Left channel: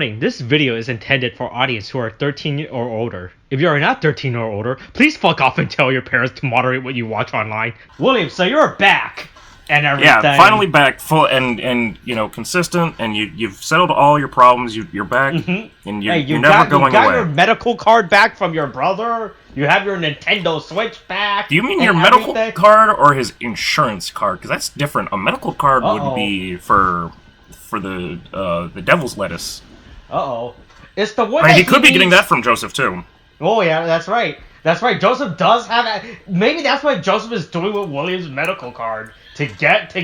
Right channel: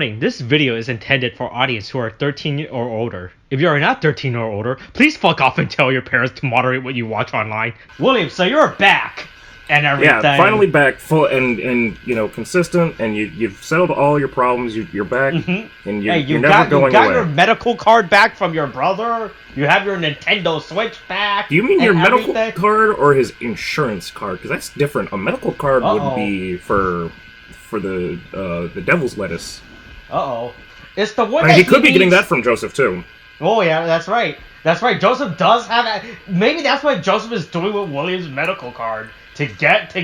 Warning, this video is intended for audience who are 13 or older. If you are not 13 or older, please fuck off and tell your parents to moderate what you watch online. William, so you're back and everything. Yeah, finally back, full and you know, consistent, and you've settled all your problems. You're back, and you're never going away. You got your medical card back from your brother. You have your Nintendo Switch back. Do you mean your medical card or his insurance card? Because that's different. A medical card would be for the devil's lettuce. It's the one that he could be getting that from Joseph too. Oh yeah, that's right. That's right. Joseph does have a. Maybe that's what Joseph is doing with William's medical card to get.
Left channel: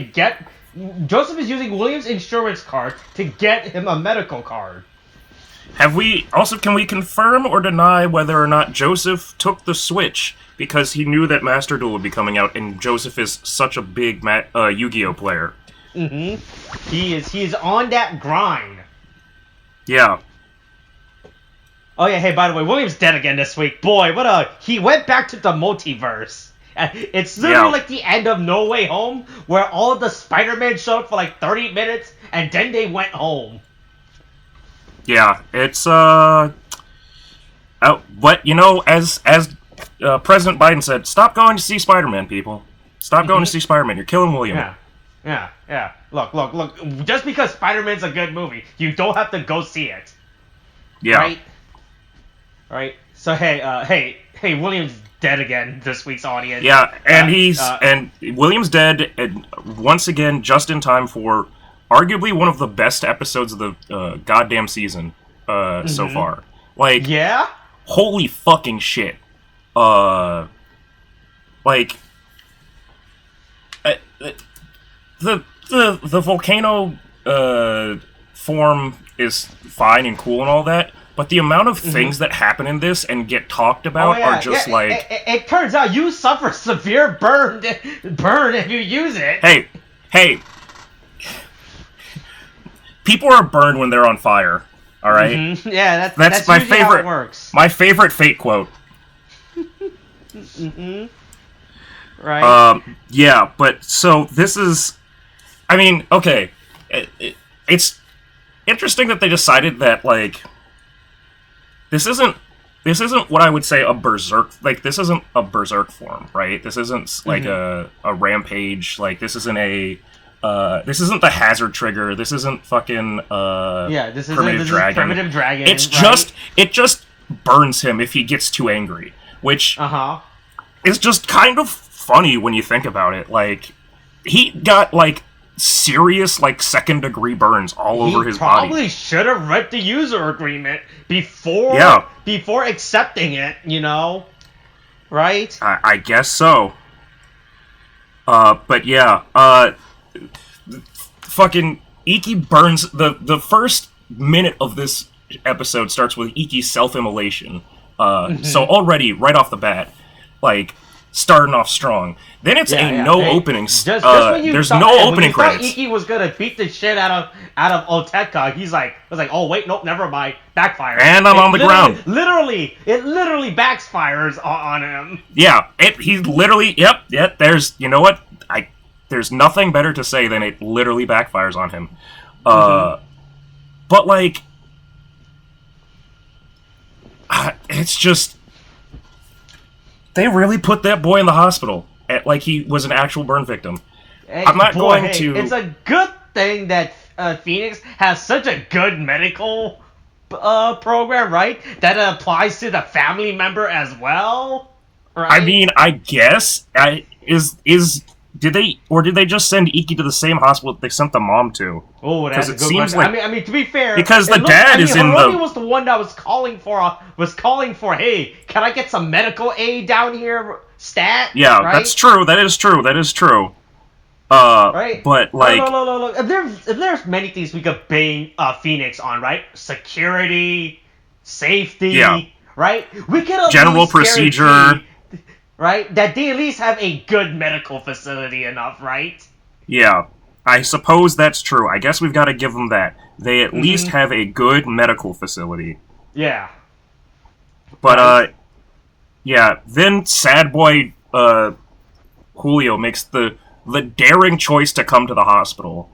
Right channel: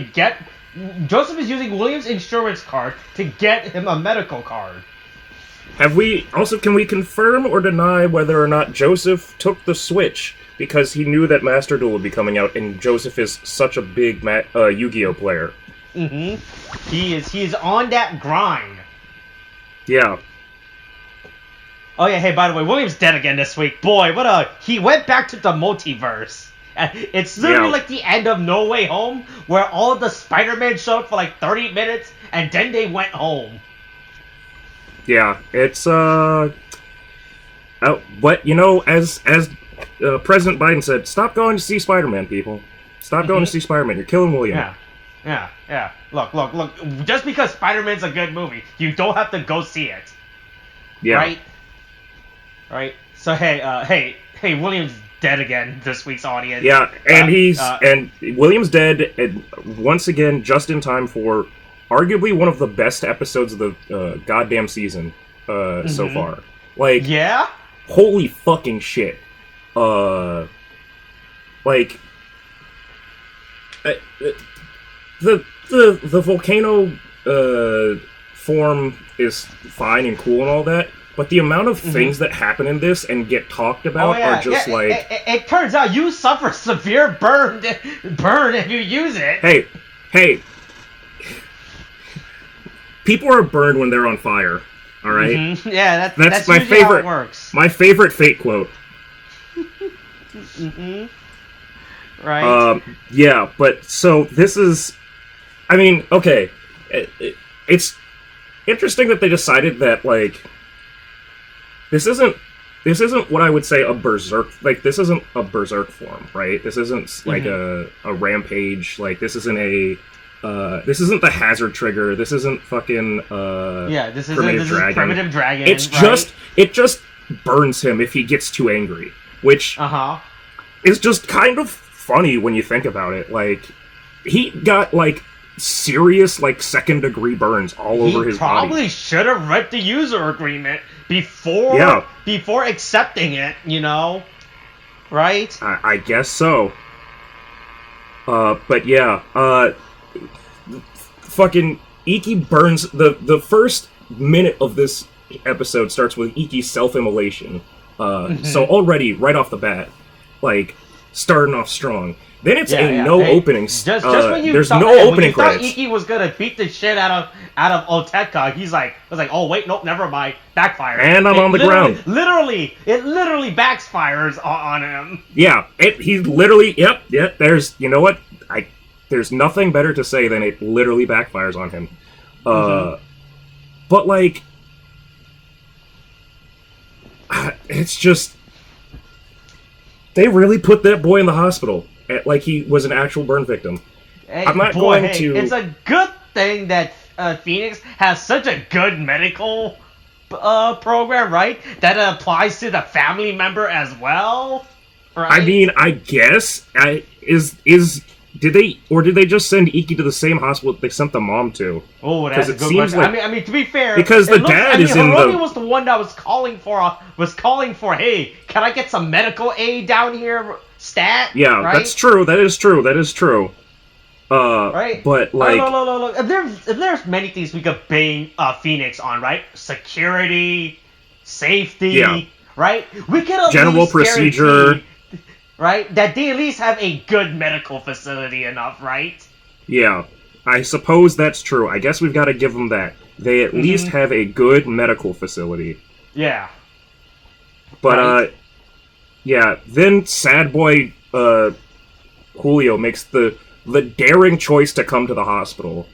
Joseph is using William's insurance card to get him a medical card. Can we confirm or deny whether or not Joseph took the Switch because he knew that Master Duel would be coming out, and Joseph is such a big Yu-Gi-Oh player? He is on that grind. Yeah. Oh yeah, hey, by the way, William's dead again this week. Boy, he went back to the multiverse. It's literally like the end of No Way Home, where all of the Spider-Man showed up for like 30 minutes, and then they went home. Yeah, it's, but, you know, as President Biden said, stop going to see Spider-Man, people. Stop going to see Spider-Man. You're killing William. Yeah. Look. Just because Spider-Man's a good movie, you don't have to go see it. Yeah. Right? So, hey, William's dead again, this week's audience. Yeah, and and William's dead, and once again, just in time for arguably one of the best episodes of the goddamn season so far. Like, yeah? Holy fucking shit. The volcano form is fine and cool and all that, but the amount of things that happen in this and get talked about are just like... It turns out you suffer severe burn if you use it. Hey. People are burned when they're on fire, alright? Yeah, that's my favorite, how it works. My favorite Fate quote. Right. Yeah, but so this is... I mean, okay. It's interesting that they decided that, like... This isn't what I would say a berserk... Like, this isn't a berserk form, right? This isn't, like, a rampage. Like, this isn't a... this isn't the hazard trigger. This isn't fucking, this is Primitive Dragon. It just burns him if he gets too angry. Which... is just kind of funny when you think about it. Like, he got, like... serious, like, second-degree burns all over his body. He probably should have read the user agreement before accepting it, you know? Right? I guess so. But yeah, fucking Iki burns... The first minute of this episode starts with Iki's self-immolation. So already, right off the bat, like, starting off strong. Then it's opening. Just when you there's thought, no opening when you credits. Thought Iki was gonna beat the shit out of Oteka, he was like, oh wait, nope, never mind, backfires. And I'm on the ground. It literally backfires on him. Yeah, he literally. Yep. There's, you know what? There's nothing better to say than it literally backfires on him. But like, it's just they really put that boy in the hospital. Like he was an actual burn victim. I'm not going to... It's a good thing that Phoenix has such a good medical program, right? That it applies to the family member as well, right? I mean, I guess did they just send Iki to the same hospital that they sent the mom to? Oh, that's a good question. Like, I mean, to be fair, because the dad is in Hiromi was the one that was calling for, hey, can I get some medical aid down here? Stat. Yeah, right? That's true. That is true. Right. But like, look. If there's many things we could bang Phoenix on, right? Security, safety, right? We could at general least procedure, right? That they at least have a good medical facility enough, right? Yeah, I suppose that's true. I guess we've got to give them that. They at least have a good medical facility. Yeah. But yeah. Then sad boy Julio makes the daring choice to come to the hospital.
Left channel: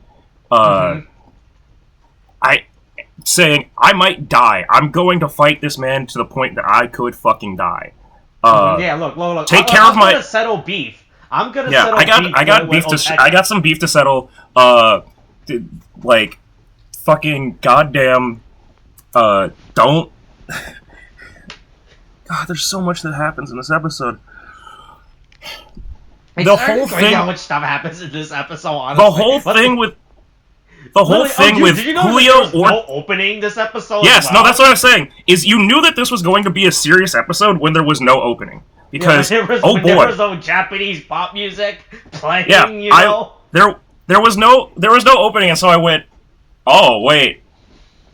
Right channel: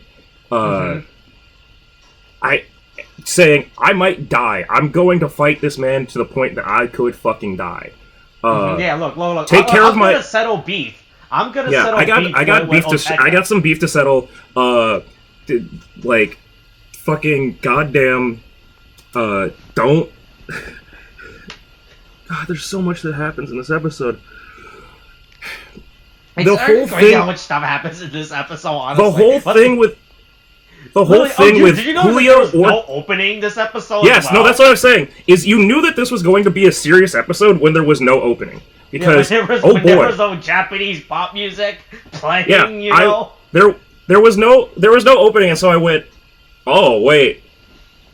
saying, I might die. I'm going to fight this man to the point that I could fucking die. Yeah, look. Take care of my... I'm gonna settle beef. I'm gonna settle beef. I got some beef to settle. Like, fucking goddamn, don't... God, there's so much that happens in this episode. It's whole thing, how much stuff happens in this episode, honestly. The whole thing with... The whole Literally, thing with did you know Julio... there was no opening this episode? Yes, as well? no, that's what I'm saying. Is you knew that this was going to be a serious episode when there was no opening. Because, there was no Japanese pop music playing, you know? There was no opening, and so I went, oh, wait,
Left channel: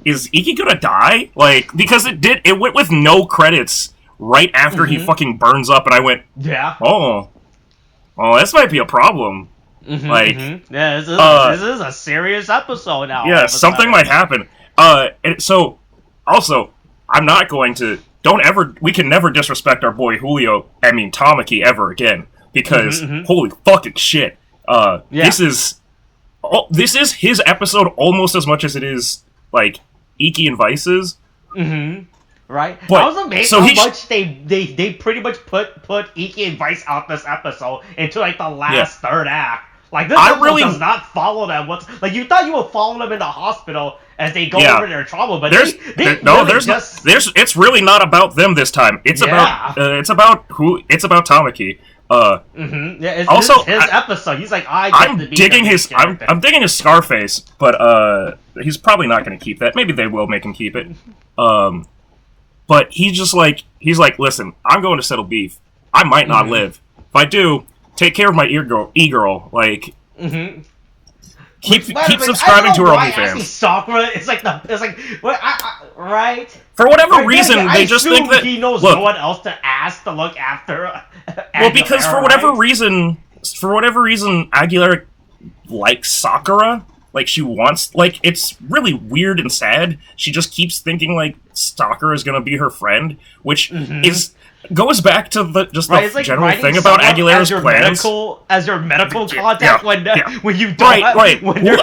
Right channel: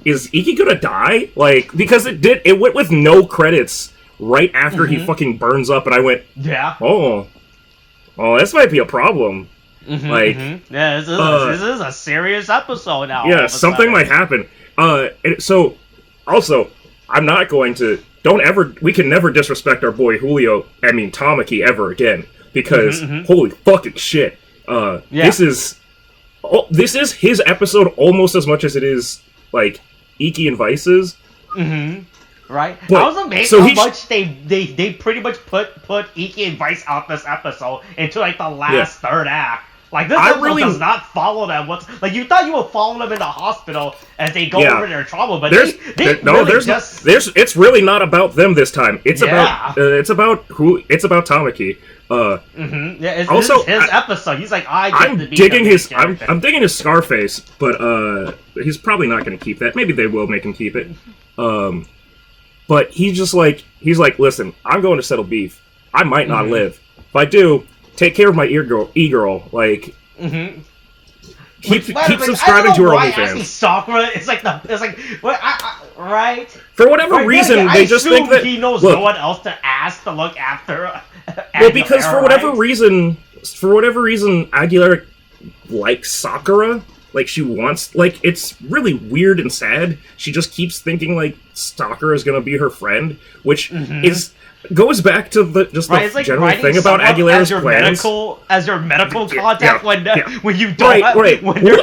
is Iki gonna die? Like, because it went with no credits right after he fucking burns up, and I went, yeah. Oh, this might be a problem. Yeah, this is a serious episode now. Yeah, something might happen. So, also, I'm not going to... we can never disrespect our boy Julio, Tamaki, ever again. Because, holy fucking shit. This is his episode almost as much as it is, like, Iki and Vice's. Right? But, I was amazed how much they pretty much put Iki and Vice out this episode into, like, the last third act. Like, this episode does not follow them. Like, you thought you would follow them in the hospital as they go over their trauma, but it's really not about them this time. It's about Tamaki. Also, his episode. He's like, I'm digging his Scarface, but he's probably not going to keep that. Maybe they will make him keep it. But he's like, listen, I'm going to settle beef. I might not live. If I do, take care of my e-girl. Like, keep subscribing to her OnlyFans. Sakura, right? For whatever reason, they just think that he knows no one else to ask to look after. Well, because for whatever reason, Aguilera likes Sakura. Like, she wants... Like, it's really weird and sad. She just keeps thinking, like, Sakura is gonna be her friend, which goes back to the general thing about Aguilera's plans. As your medical contact when you don't when you're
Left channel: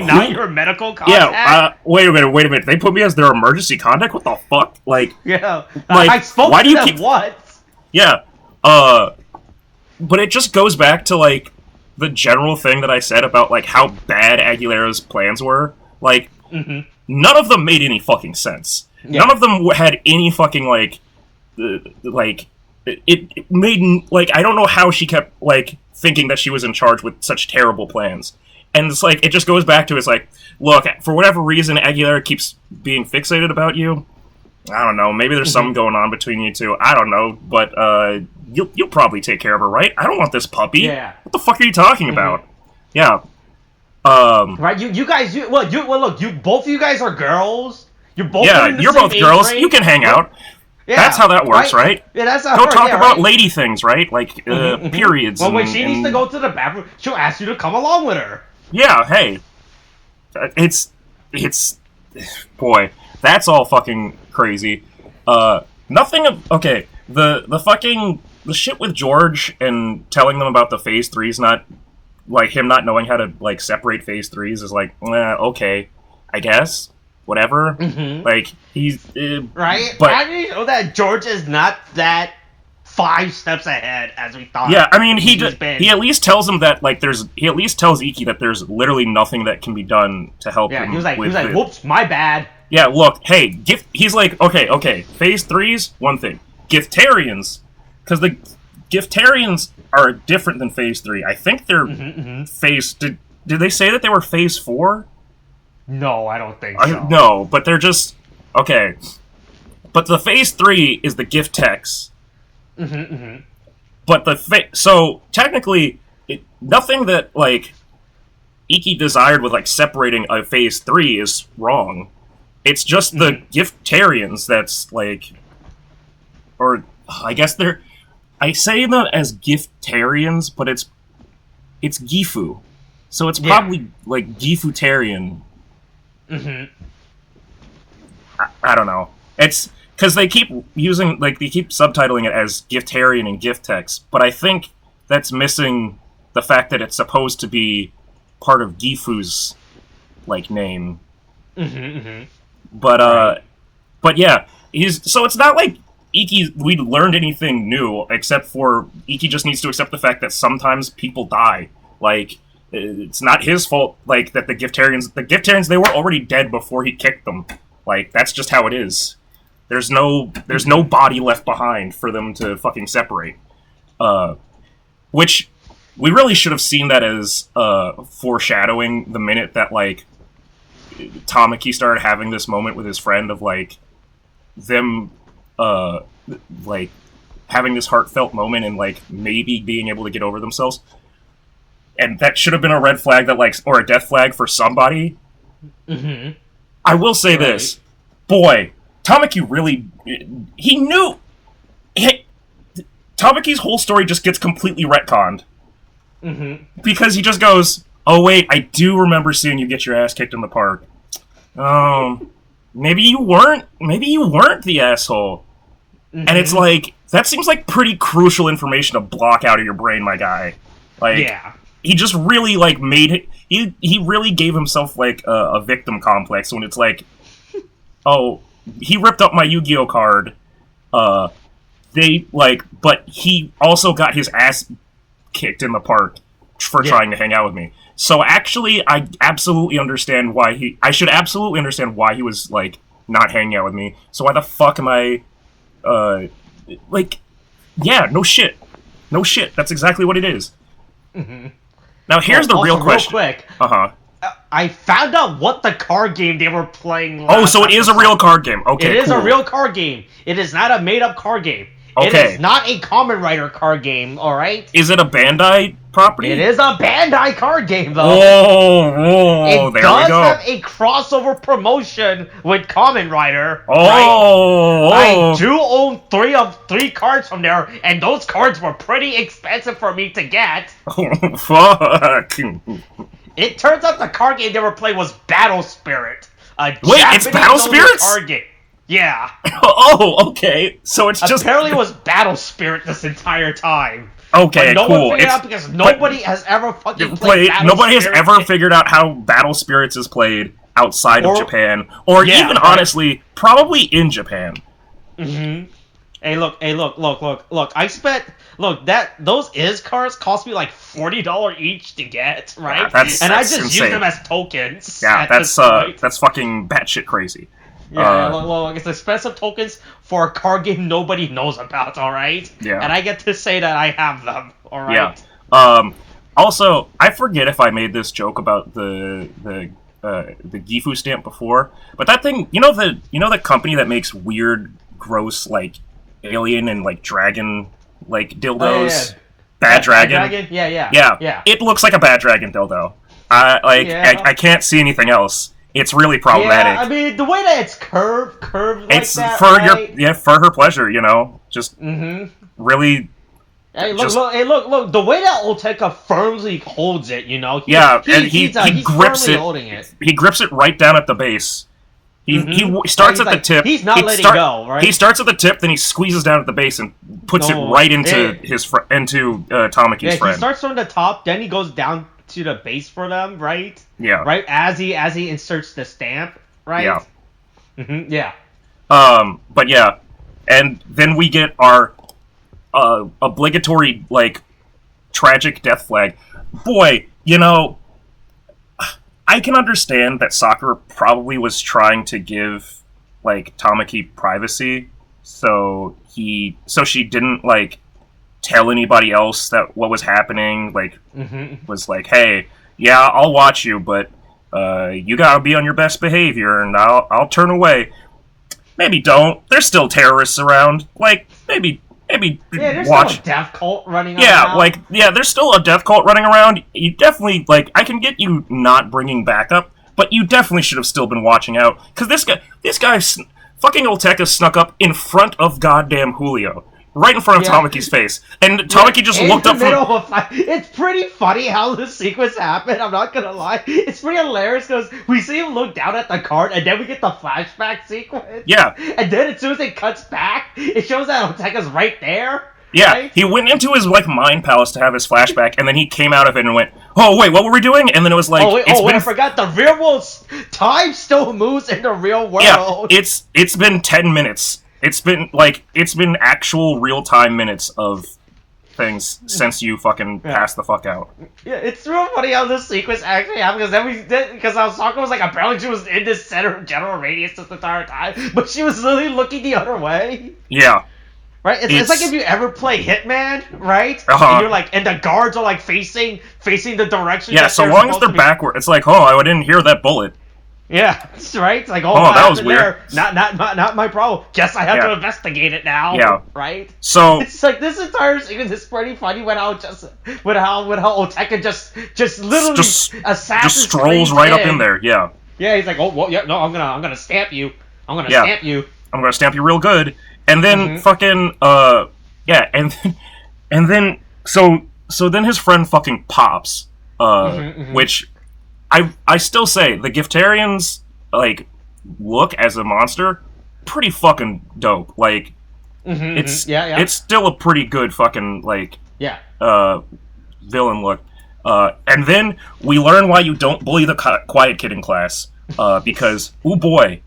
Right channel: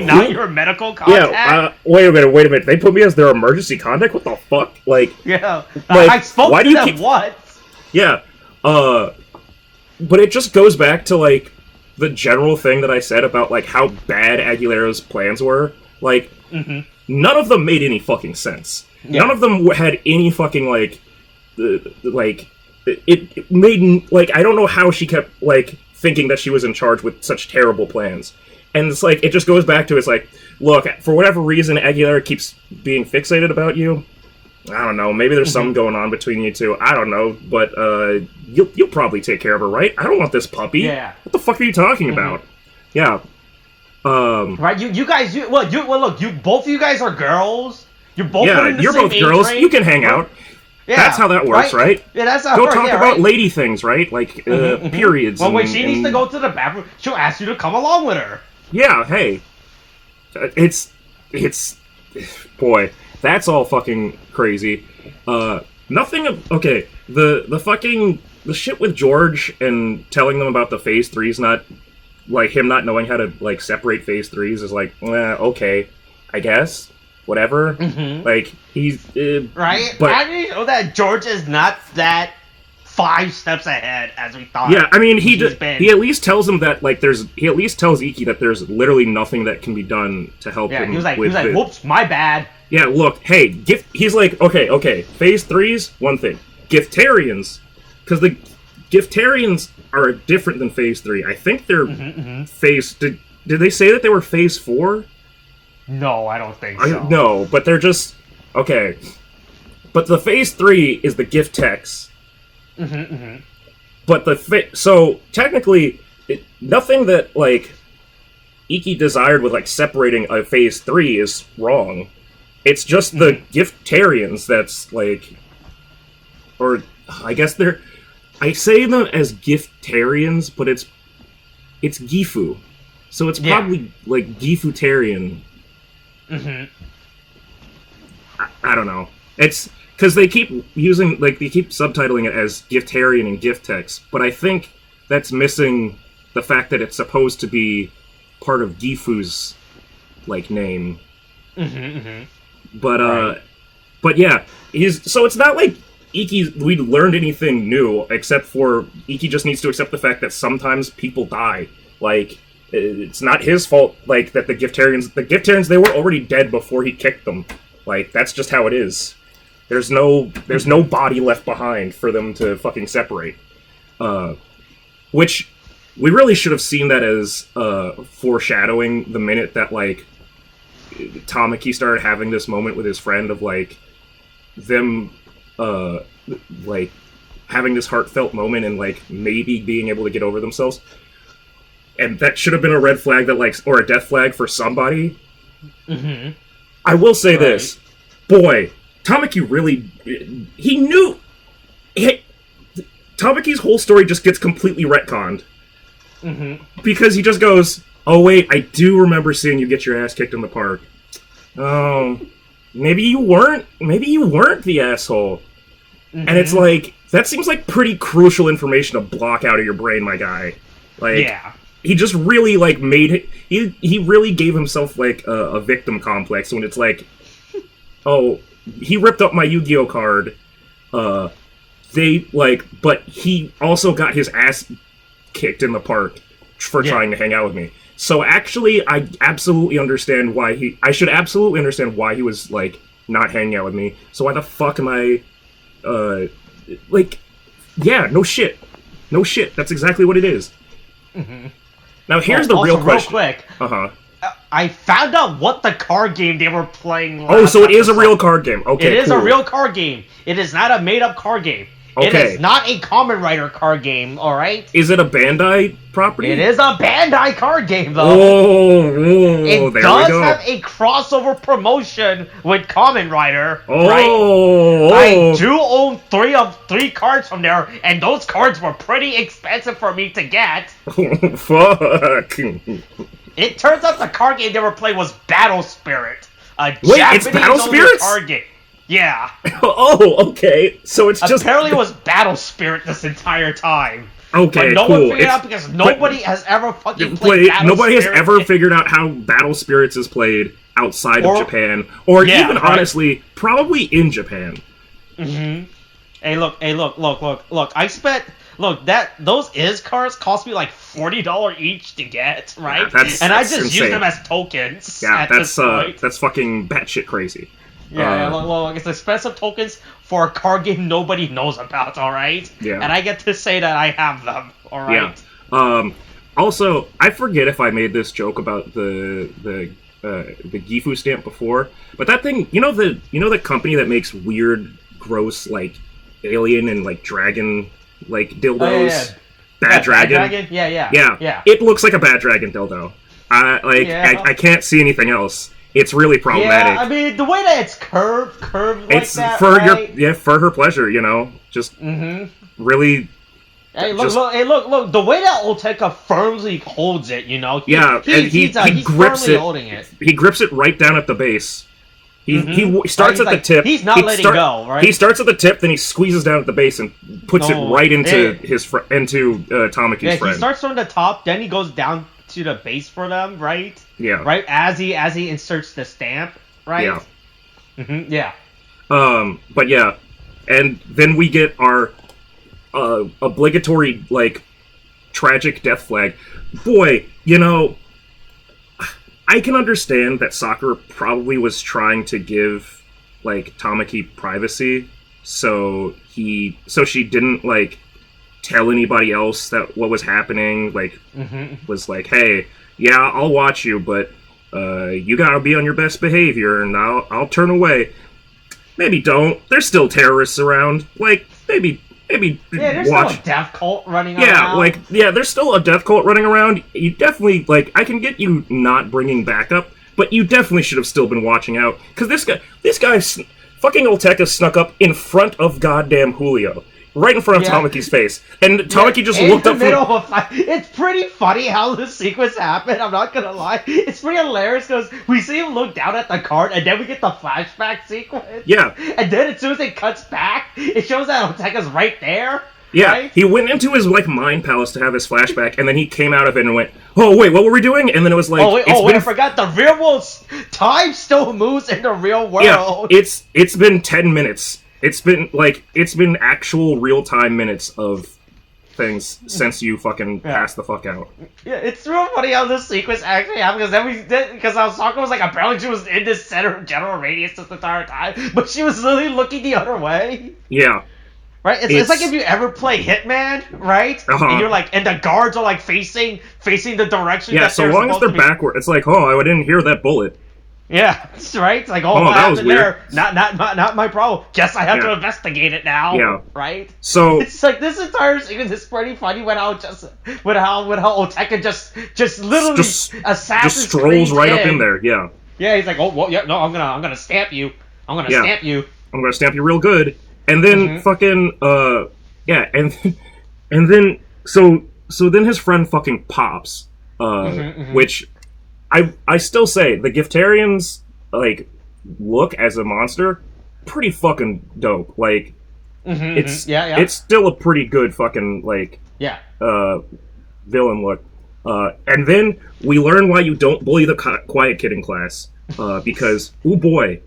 not your medical contact. Yeah, wait a minute. They put me as their emergency contact? What the fuck? Like, yeah, like, I spoke to them once. Yeah, but it just goes back to, like, the general thing that I said about, like, how bad Aguilera's plans were. Like, none of them made any fucking sense. Yeah. None of them had any fucking, like, it made, like, I don't know how she kept, like, thinking that she was in charge with such terrible plans. And it's like, it just goes back to, it's like, look, for whatever reason, Aguilera keeps being fixated about you. I don't know, maybe there's something going on between you two. I don't know, but, you'll probably take care of her, right? I don't want this puppy. Yeah. What the fuck are you talking about? Yeah. Right, you guys, look, both of you guys are girls. You're both in the you're same both girls. range. You can hang out. Yeah, that's how that works, right? Yeah, that's how it works. Go talk about lady things, right? Like, periods. Well, when she needs to go to the bathroom, she'll ask you to come along with her. Yeah, hey. It's... Boy, that's all fucking crazy. Nothing of... Okay, the shit with George and telling them about the Phase 3's not... Like, him not knowing how to, like, separate Phase 3's is like, okay, I guess. Whatever. Like, he's... right? But, how do you know that George is not that 5 steps ahead as we thought? Yeah, I mean, he at least tells him that, like, he at least tells Iki that there's literally nothing that can be done to help him. He was like, whoops, my bad. Yeah, look, hey, he's like, okay, Phase 3's one thing. Giftarians, because the Giftarians are different than Phase 3. I think they're Phase... Did they say that they were Phase 4? No, I don't think so. No, but they're just... Okay. But the Phase 3 is the gift techs. But so, technically, nothing that, like, Iki desired with, like, separating a Phase 3 is wrong. It's just the Giftarians that's, like... Or, I guess they're... I say them as Giftarians, but it's Gifu. So it's probably, like, Gifutarian. I don't know. It's... Because they keep using... Like, they keep subtitling it as Giftarian and Giftex, but I think that's missing the fact that it's supposed to be part of Gifu's, like, name. But yeah, so it's not like we learned anything new, except for Iki just needs to accept the fact that sometimes people die. Like, it's not his fault, like, that the Giftarians, they were already dead before he kicked them. Like, that's just how it is. There's no body left behind for them to fucking separate. Which, we really should have seen that as foreshadowing the minute that, like, Tamaki started having this moment with his friend of, like, them, like, having this heartfelt moment and, like, maybe being able to get over themselves. And that should have been a red flag that, like, or a death flag for somebody. Mm-hmm. I will say this. Boy, Tamaki really... He knew... Tamaki's whole story just gets completely retconned. Mm-hmm. Because he just goes, oh wait, I do remember seeing you get your ass kicked in the park. Maybe you weren't the asshole. Mm-hmm. And it's like, that seems like pretty crucial information to block out of your brain, my guy. Like, yeah. He just really, like, he really gave himself, like, a victim complex when it's like, oh, he ripped up my Yu-Gi-Oh card, but he also got his ass kicked in the park for trying to hang out with me. So actually, I absolutely understand why I should absolutely understand why he was, like, not hanging out with me. So why the fuck am I, like, yeah, no shit. No shit. That's exactly what it is. Mm-hmm. Now here's the real question. Real quick. Uh-huh. I found out what the card game they were playing last Oh, so it is a episode. real card game. Okay, It is cool. a real card game. It is not a made-up card game. Okay. It is not a Kamen Rider card game, alright? Is it a Bandai property? It is a Bandai card game, though. Oh, it there does we go. have a crossover promotion with Kamen Rider, oh, right? I do own three cards from there, and those cards were pretty expensive for me to get. Oh, fuck. It turns out the card game they were playing was Battle Spirit, a Wait, Japanese it's Battle Spirits? card game. Yeah. Oh, okay. So it's just... Apparently it was Battle Spirit this entire time. Okay, but no cool. one figured out because nobody has ever fucking played Battle Nobody Spirit. has ever figured out how Battle Spirits is played outside of Japan. Or even, honestly, probably in Japan. Mm-hmm. Hey, look. I spent... Look, those cards cost me like $40 each to get, right? Yeah, and I just insane. use them as tokens. Yeah, that's fucking batshit crazy. Yeah, look, it's expensive tokens for a card game nobody knows about, alright? Yeah. And I get to say that I have them, alright? Yeah. Also, I forget if I made this joke about the Gifu stamp before, but that thing, you know the company that makes weird, gross, like, alien and, like, dragon, like, dildos? Oh, yeah. Bad Dragon? Bad Dragon? Yeah. It looks like a Bad Dragon dildo. I can't see anything else. It's really problematic. Yeah, I mean, the way that it's curved like it's that, for right? for her pleasure, you know? Just really... Hey, look, the way that Oteka firmly holds it, you know? He's grips firmly it. holding it. He grips it right down at the base. He starts at the tip. He's not letting go, right? He starts at the tip, then he squeezes down at the base and puts it right into Tamaki's friend. He starts from the top, then he goes down to the base for them, right? Yeah. Right as he inserts the stamp, right? Yeah. Mm-hmm. Yeah. But yeah, and then we get our obligatory, like, tragic death flag. Boy, you know, I can understand that Sakura probably was trying to give, like, Tamaki privacy, so she didn't, like, tell anybody else that what was happening, like, was like, hey, yeah, I'll watch you, but you gotta be on your best behavior, and I'll turn away. Maybe don't. There's still terrorists around. Like, maybe there's watch. still a death cult running around. There's still a death cult running around. You definitely, like, I can get you not bringing backup, but you definitely should have still been watching out, because this guy, fucking Olteka snuck up in front of goddamn Julio. Right in front of Tamaki's face. And Tamaki just looked up from... It's pretty funny how this sequence happened, I'm not gonna lie. It's pretty hilarious because we see him look down at the card and then we get the flashback sequence. Yeah. And then as soon as it cuts back, it shows that Oteka's right there. Yeah, right? He went into his, like, mind palace to have his flashback, and then he came out of it and went, oh wait, what were we doing? And then it was like, I forgot the real world time still moves in the real world. Yeah, it's been 10 minutes. It's been actual real time minutes of things since you fucking passed the fuck out. Yeah, it's real funny how this sequence actually happened because Sokka was like, apparently she was in this center of general radius this entire time, but she was literally looking the other way. Yeah. Right? It's like if you ever play Hitman, right? And you're like, and the guards are like facing the direction. Yeah, so long as they're backward, it's like, oh, I didn't hear that bullet. Yeah, right. It's like, what that was weird. There? Not my problem. Guess I have to investigate it now. Yeah. Right. So it's like this entire sequence is pretty funny with how Oteka just literally just strolls right up in there. Yeah. Yeah, he's like, I'm gonna stamp you. I'm gonna stamp you. I'm gonna stamp you real good. And then fucking and then so then his friend fucking pops, which. I still say the Giftarians like look as a monster pretty fucking dope. Like it's still a pretty good fucking like villain look. And then we learn why you don't bully the quiet kid in class because oh boy,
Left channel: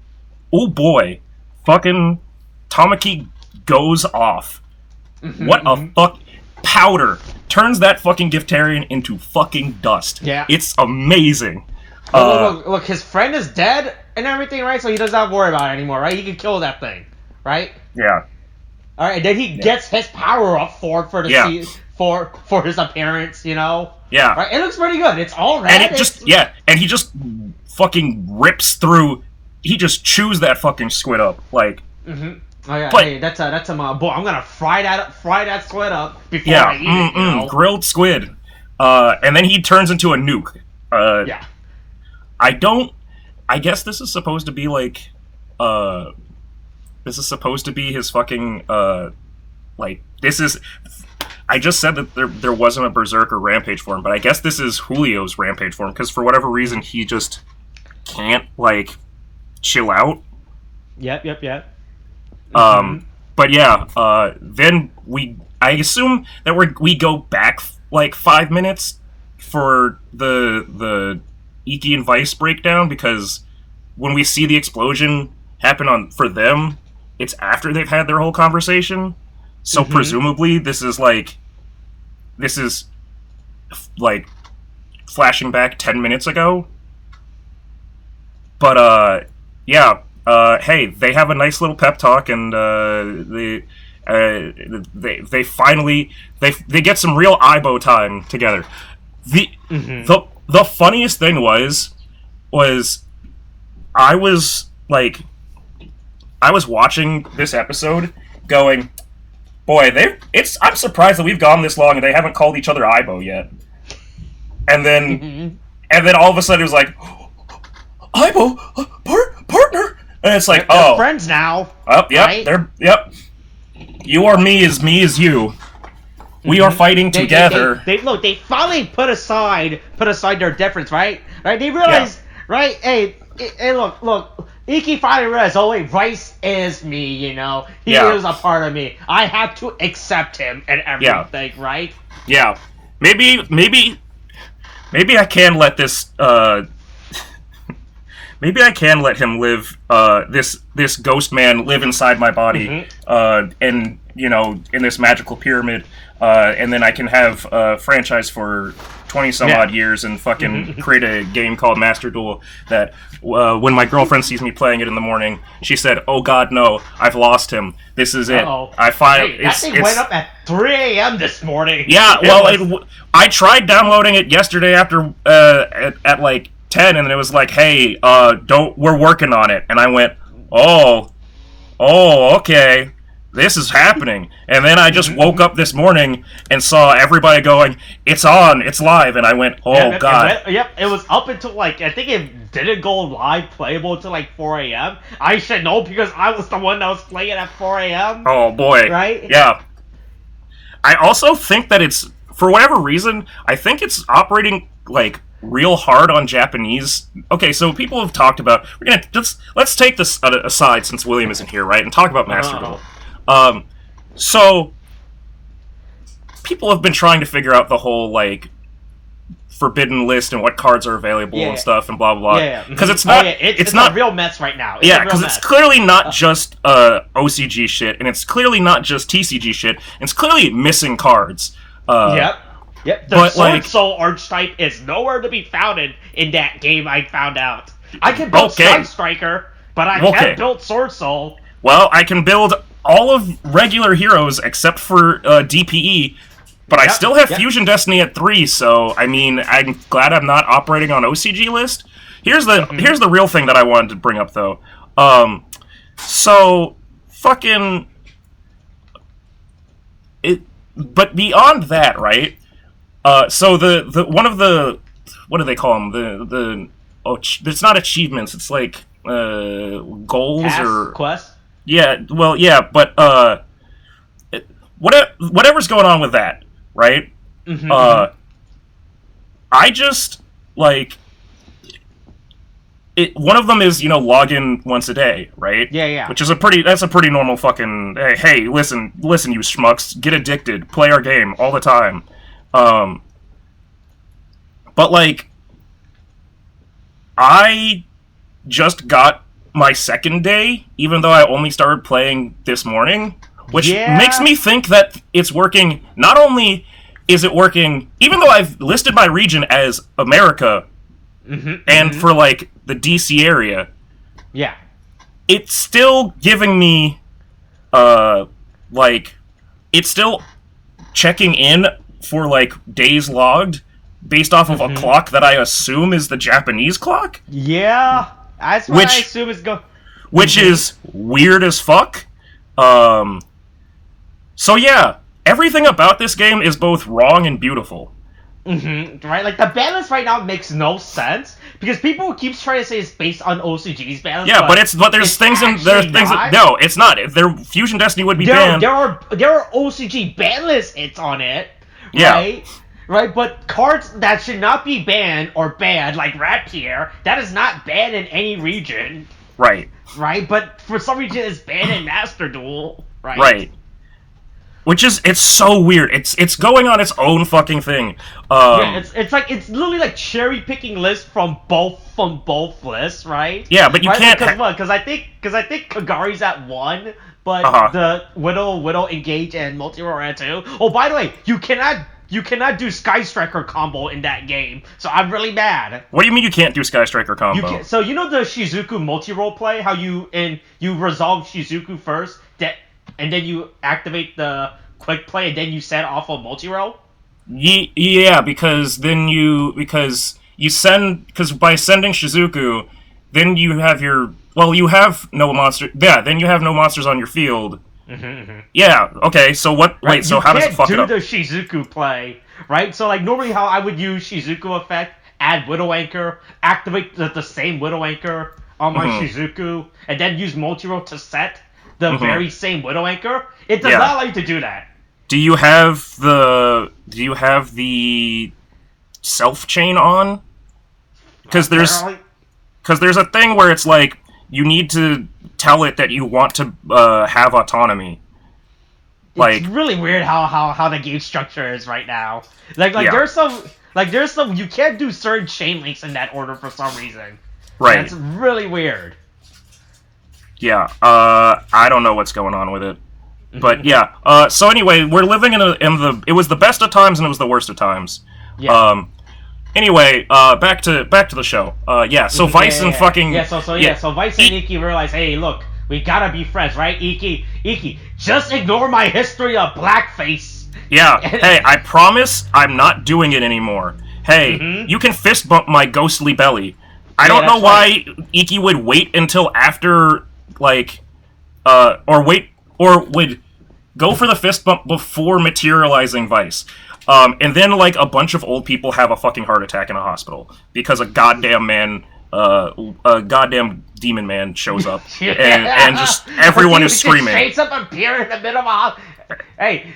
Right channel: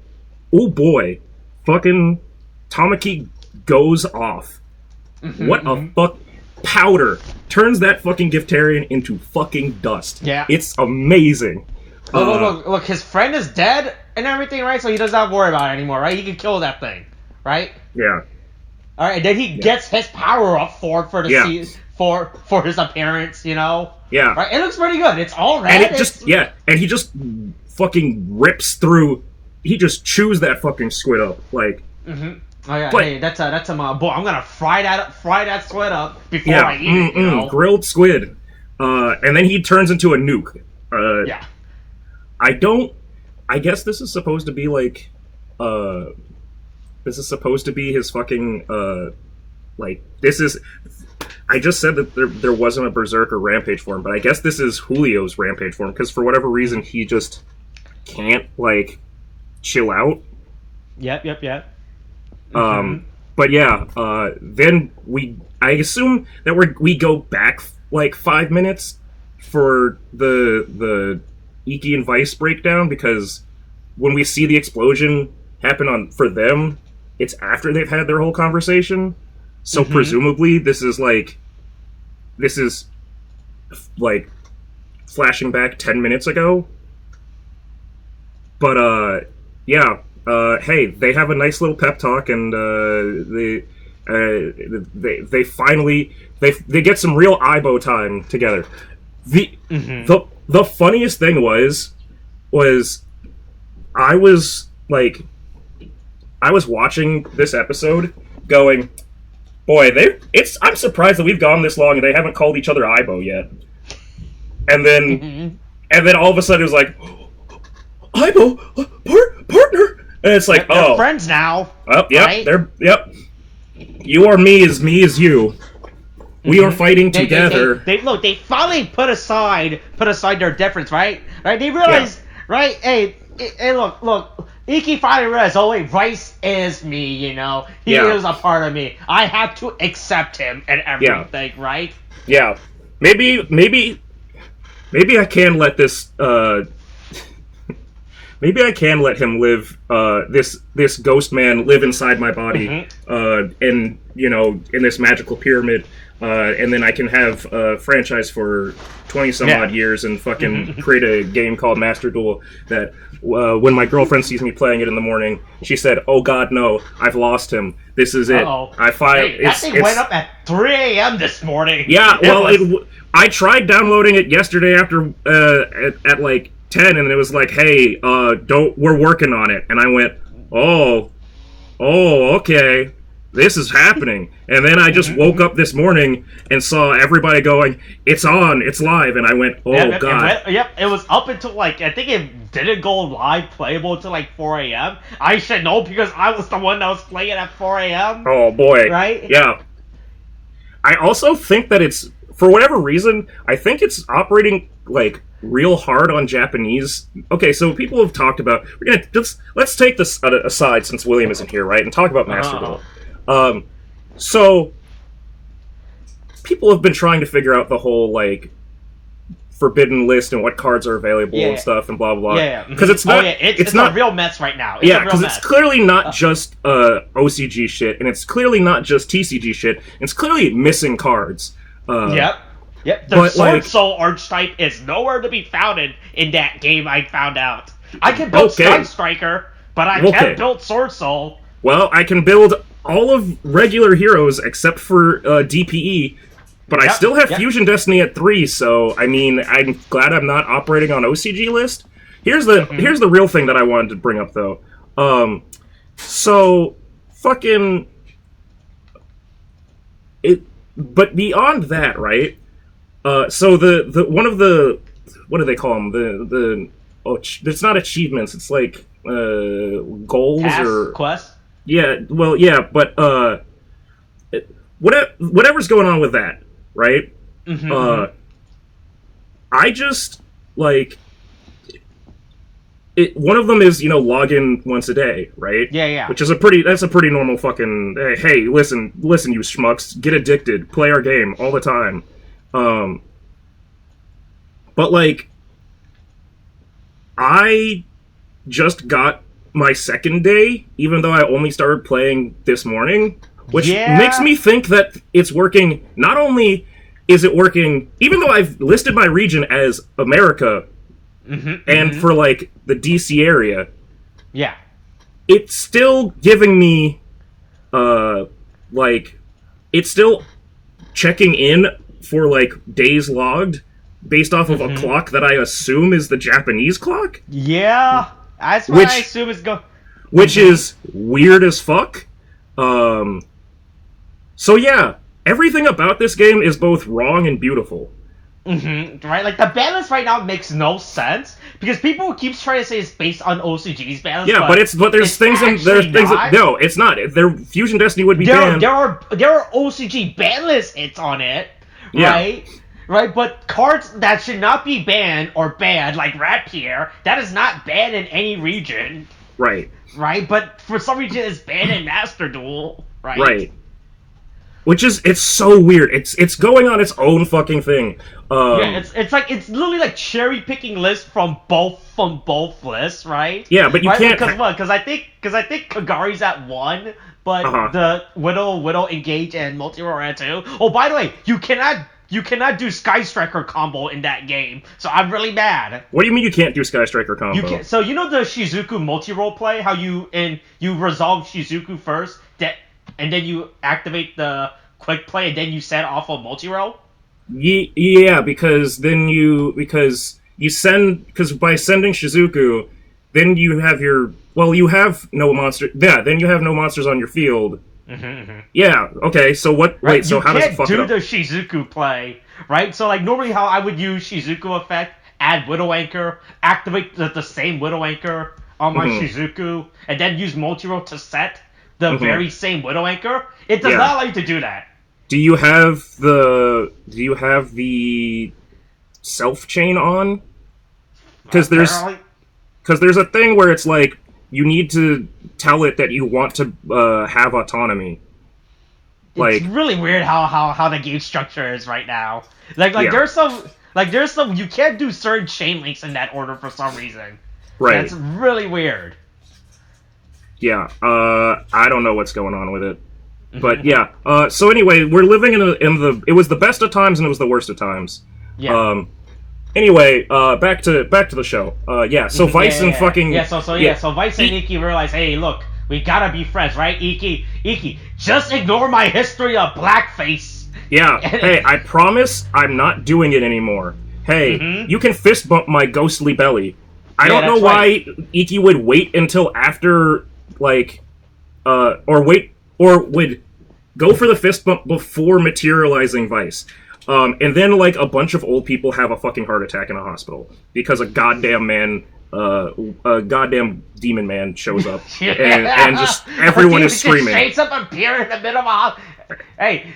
fucking Tamaki goes off. What a fuck. Powder turns that fucking Giftarian into fucking dust. Yeah. It's amazing. Look, his friend is dead and everything, right? So he doesn't have to worry about it anymore, right? He can kill that thing, right? Yeah. Alright, and then he gets his power up for his appearance, you know? Yeah. Right? It looks pretty good. It's all red. And he just fucking rips through, he just chews that fucking squid up, like... Oh yeah, hey, that's boy. I'm gonna fry that squid up before I eat it. You know? Grilled squid, and then he turns into a nuke. I guess this is supposed to be like, this is supposed to be his fucking, like this is. I just said that there wasn't a berserker rampage form, but I guess this is Julio's rampage form because for whatever reason he just can't like chill out. Yep. But yeah, then I assume that we go back like 5 minutes for the Iki and Vice breakdown because when we see the explosion happen for them, it's after they've had their whole conversation. So presumably this is like flashing back 10 minutes ago. But yeah. Hey, they have a nice little pep talk, and they finally they get some real eyebow time together. The funniest thing was I was watching this episode, going, boy, I'm surprised that we've gone this long and they haven't called each other eyebow yet. And then all of a sudden it was like, eyebow, partner. And it's like, they're friends now. Oh, yep, right? You are me is you. We are fighting together. They finally put aside their difference, right? Right? They realized, right? Hey, look. Iki finally realized, oh wait, Rice is me, you know? He is a part of me. I have to accept him and everything, right? Yeah. Maybe I can let this, maybe I can let him live, this ghost man live inside my body, and, you know, in this magical pyramid, and then I can have a franchise for 20-some-odd years and fucking create a game called Master Duel that, when my girlfriend sees me playing it in the morning, she said, oh god, no, I've lost him. This is it. That thing went up at 3 a.m. this morning. Yeah, I tried downloading it yesterday after, at like 10, and it was like, hey, we're working on it. And I went, oh, okay, this is happening. And then I just woke up this morning and saw everybody going, it's on, it's live. And I went, oh, God. It was up until, like, I think it didn't go live playable until, like, 4 a.m. I should know because I was the one that was playing at 4 a.m. Oh, boy. Right? Yeah. I also think that it's, for whatever reason, I think it's operating, like, real hard on Japanese. Okay, so people have talked about, let's take this aside since William isn't here, right, and talk about Master Duel. So people have been trying to figure out the whole like forbidden list and what cards are available and stuff and blah blah blah. Yeah, because it's not. It's not a real mess right now. Because it's clearly not just OCG shit, and it's clearly not just TCG shit. And it's clearly missing cards. Yep. The Sword Soul archetype is nowhere to be found in that game. I found out. I can build Sky Striker, but I can't build Sword Soul. Well, I can build all of regular heroes except for DPE. But I still have Fusion Destiny at 3, so, I mean, I'm glad I'm not operating on OCG list. Here's the real thing that I wanted to bring up, though. So, fucking... But beyond that, right? So the one of the... What do they call them? It's not achievements, it's like, goals or... Quests? Yeah, well, yeah, but, whatever's going on with that, right? I just, like, one of them is, log in once a day, right? Yeah. Which is a pretty normal fucking, hey, listen, you schmucks, get addicted, play our game all the time. But, like, I just got my second day, even though I only started playing this morning. Which makes me think that it's working. Not only is it working, even though I've listed my region as America, and for, like, the DC area, it's still giving me, like, it's still checking in for, like, days logged based off of a clock that I assume is the Japanese clock. Yeah, that's what I assume is going. Which is weird as fuck. So yeah, everything about this game is both wrong and beautiful. Right? Like, the balance right now makes no sense, because people keep trying to say it's based on OCG's balance. Yeah, but there's things that, no, it's not. If their Fusion Destiny would be banned. There are OCG ban list hits on it, right? Right, but cards that should not be banned or banned, like Rapier, that is not banned in any region. Right. Right, but for some reason it's banned in Master Duel, right? Right. Which is, it's so weird. It's going on its own fucking thing. It's literally like cherry picking lists from both lists, right? Yeah, but you can't. Because I think Kagari's at 1, but the Widow, Engage, and Multi-Roll are at 2. Oh, by the way, you cannot do Sky Striker combo in that game, so I'm really mad. What do you mean you can't do Sky Striker combo? So you know the Shizuku multi-role play, how you resolve Shizuku first, and then you activate the quick play, and then you set off a multi-role? Yeah, because by sending Shizuku, then you have you have no monster. Yeah, then you have no monsters on your field. Yeah, okay, so what... Right? Wait, so how does it fuck it up? You can't do the Shizuku play, right? So, like, normally how I would use Shizuku effect, add Widow Anchor, activate the same Widow Anchor on my Shizuku, and then use multi-roll to set the very same Widow Anchor. It does not allow you to do that. Do you have the self-chain on? Because there's a thing where it's like, you need to tell it that you want to have autonomy. Like, it's really weird how the game structure is right now. There's some you can't do certain chain links in that order for some reason. Right. That's really weird. Yeah. I don't know what's going on with it. But yeah. So anyway, we're living in it was the best of times and it was the worst of times. Yeah. Anyway, back to the show. So Vice and fucking... So Vice and Iki realize, hey, look, we gotta be friends, right? Iki, just ignore my history of blackface. Yeah, hey, I promise I'm not doing it anymore. Hey, you can fist bump my ghostly belly. I don't know why Iki would wait until after, like, or would go for the fist bump before materializing Vice. And then, like, a bunch of old people have a fucking heart attack in a hospital because a goddamn demon man shows up, and just everyone is screaming. Straight up appear in the middle of a... Hey!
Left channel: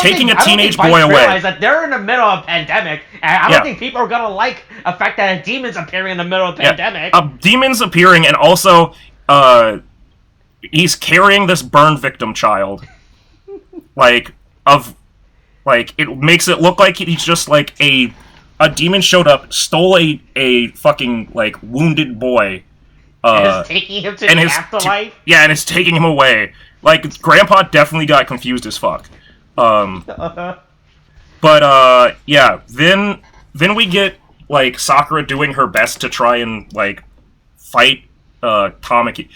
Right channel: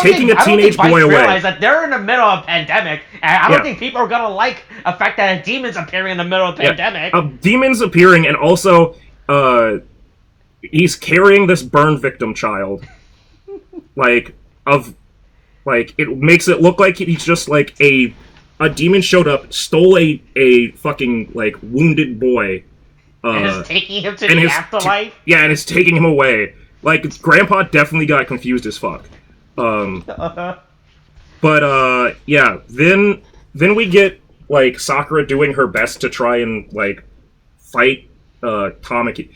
Taking a teenage boy away. Realize that they're in the middle of a pandemic, and I don't think people are gonna like the fact that a demon's appearing in the middle of a pandemic. A demon's appearing, and also, he's carrying this burn victim child, it makes it look like he's just like a a demon showed up, stole a fucking, like, wounded boy. And is taking him to the afterlife? Yeah, and it's taking him away. Like, Grandpa definitely got confused as fuck. But, yeah, then we get, like, Sakura doing her best to try and, like, fight, Tamaki.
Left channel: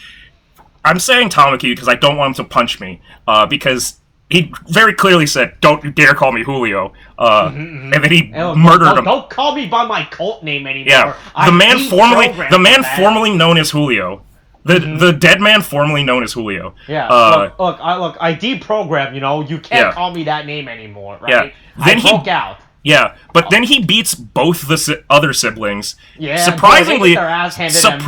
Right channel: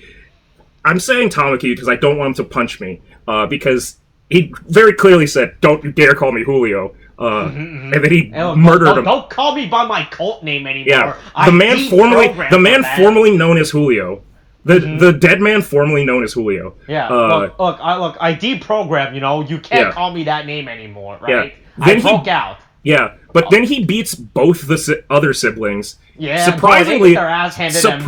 I'm saying Tamaki because I don't want him to punch me, because he very clearly said, "Don't you dare call me Julio," and then he murdered him. Don't call me by my cult name anymore. Yeah, the man formerly known as Julio. The dead man formerly known as Julio. Yeah, look, I deprogrammed, you can't call me that name anymore, right? Yeah. I broke out. Yeah, but then he beats both the other siblings. Yeah, surprisingly, they get their ass handed them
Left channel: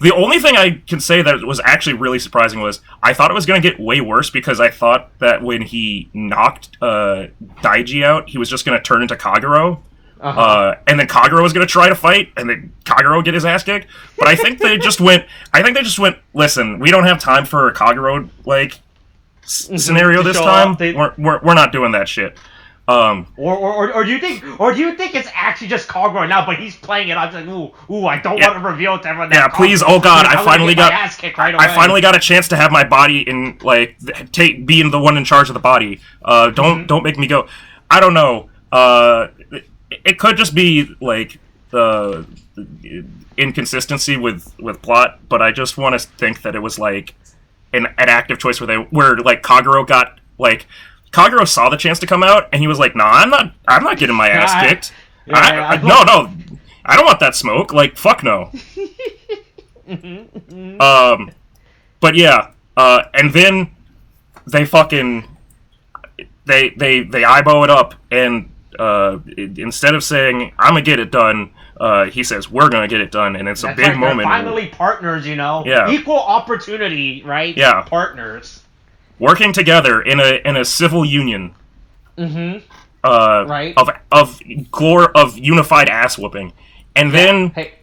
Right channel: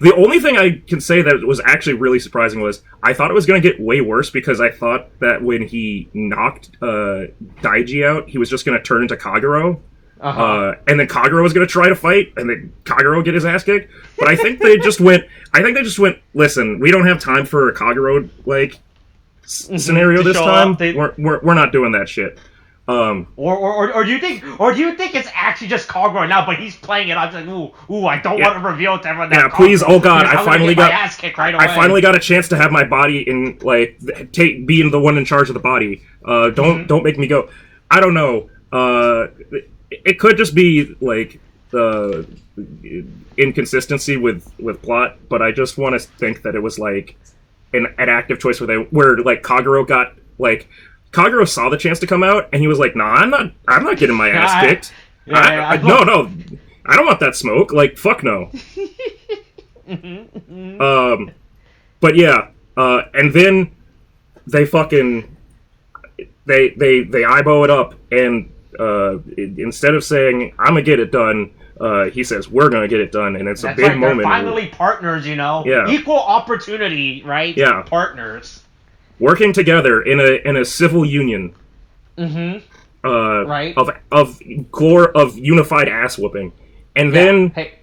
the only thing I can say that was actually really surprising was I thought it was going to get way worse because I thought that when he knocked Daiji out, he was just going to turn into Kagero. And then Kagero was going to try to fight, and then Kagero would get his ass kicked. But I think they just went, listen, we don't have time for a Kagero, like, scenario this time. We're not doing that shit. Or do you think it's actually just Kagero now, but he's playing it? I'm like, I don't want to reveal to everyone that. Yeah, please, oh god, I finally got my ass kicked right away. I finally got a chance to have my body in, like, being the one in charge of the body. Don't make me go. I don't know. It could just be, like, inconsistency with plot, but I just want to think that it was, like, an active choice where like Kagero got, like, Kagero saw the chance to come out, and he was like, "Nah, I'm not getting my ass kicked. No, I don't want that smoke. Like, fuck no." But yeah, and then they fucking they eyeball it up, and instead of saying "I'm gonna get it done," he says, "We're gonna get it done," and it's a big moment. They're finally partners, Yeah. Equal opportunity, right? Yeah. Partners. Working together in a civil union. Right. Of unified ass whooping. And then hey,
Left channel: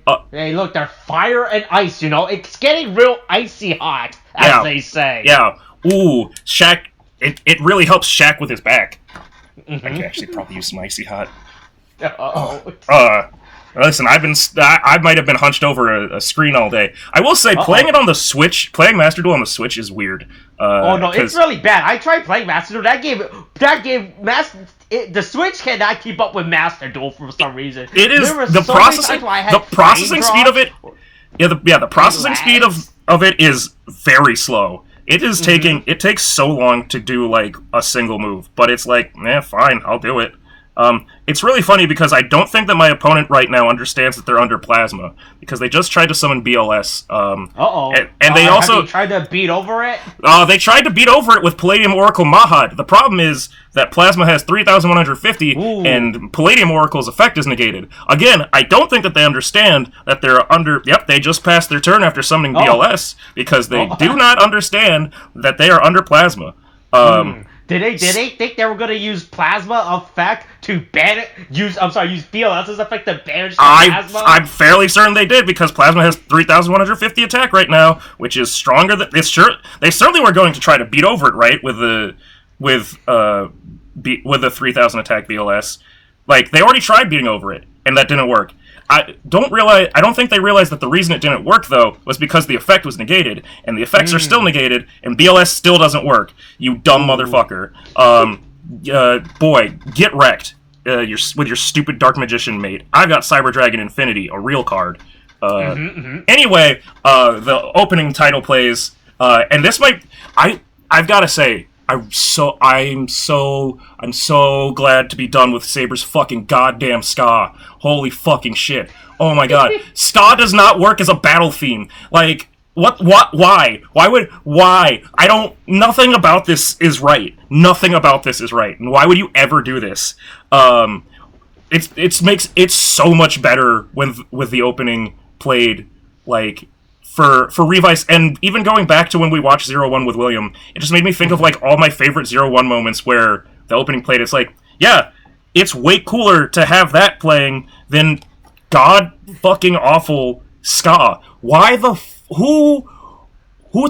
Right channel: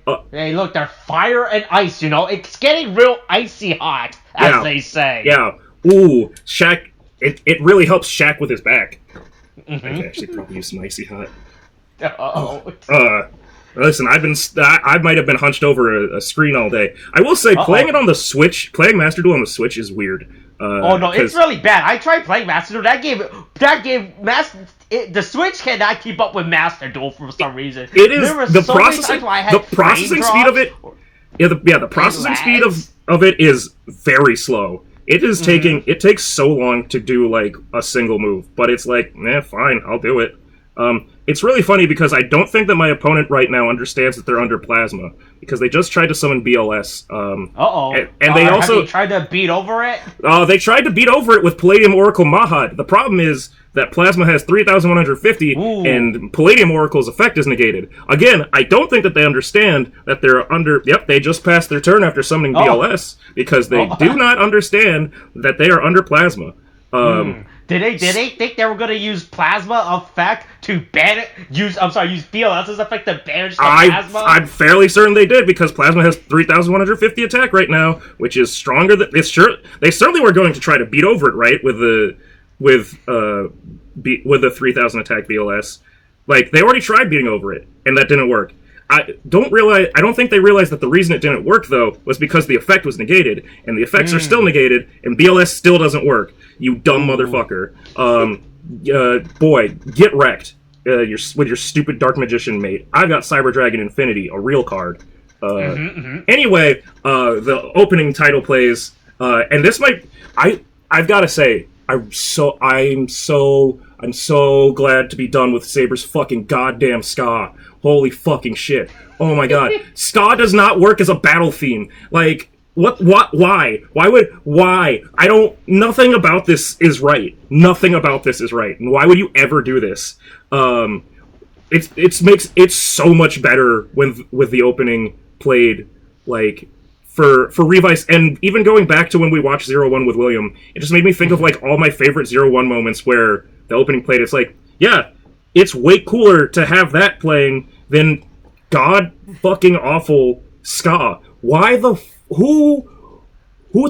look, they're fire and ice, It's getting real icy hot, as they say. Yeah. Ooh, Shaq, it really helps Shaq with his back. I could actually probably use some icy hot. Listen, I might have been hunched over a screen all day. I will say, playing it on the Switch, playing Master Duel on the Switch is weird. No, it's really bad. I tried playing Master Duel. The Switch cannot keep up with Master Duel for some reason. It is the processing speed of it. The processing speed of it is very slow. It is it takes so long to do, like, a single move, but it's like, fine, I'll do it. It's really funny because I don't think that my opponent right now understands that they're under Plasma, because they just tried to summon BLS. And they also have they tried to beat over it? They tried to beat over it with Palladium Oracle Mahad. The problem is that Plasma has 3,150, and Palladium Oracle's effect is negated. Again, I don't think that they understand that they're under... Yep, they just passed their turn after summoning BLS, because they do not understand that they are under Plasma. Did they think they were going to use Plasma effect to use BLS's effect to banish the Plasma? I'm fairly certain they did, because Plasma has 3,150 attack right now, which is stronger than... They certainly were going to try to beat over it, right, with the 3,000 attack BLS. Like, they already tried beating over it, and that didn't work. I don't think they realized that the reason it didn't work, though, was because the effect was negated, and the effects are still negated, and BLS still doesn't work. You dumb motherfucker. Boy, get wrecked with your stupid Dark Magician mate. I got Cyber Dragon Infinity, a real card. Anyway, the opening title plays, and this might... I've got to say, I'm so glad to be done with Saber's fucking goddamn ska. Holy fucking shit. Oh my god. Ska does not work as a battle theme. Like, why? Nothing about this is right. Nothing about this is right. And why would you ever do this? It's so much better with the opening played, like, for Revice, and even going back to when we watched 01 with William, it just made me think of, like, all my favorite 01 moments where the opening played. It's like, yeah, it's way cooler to have that playing than god fucking awful ska. Why who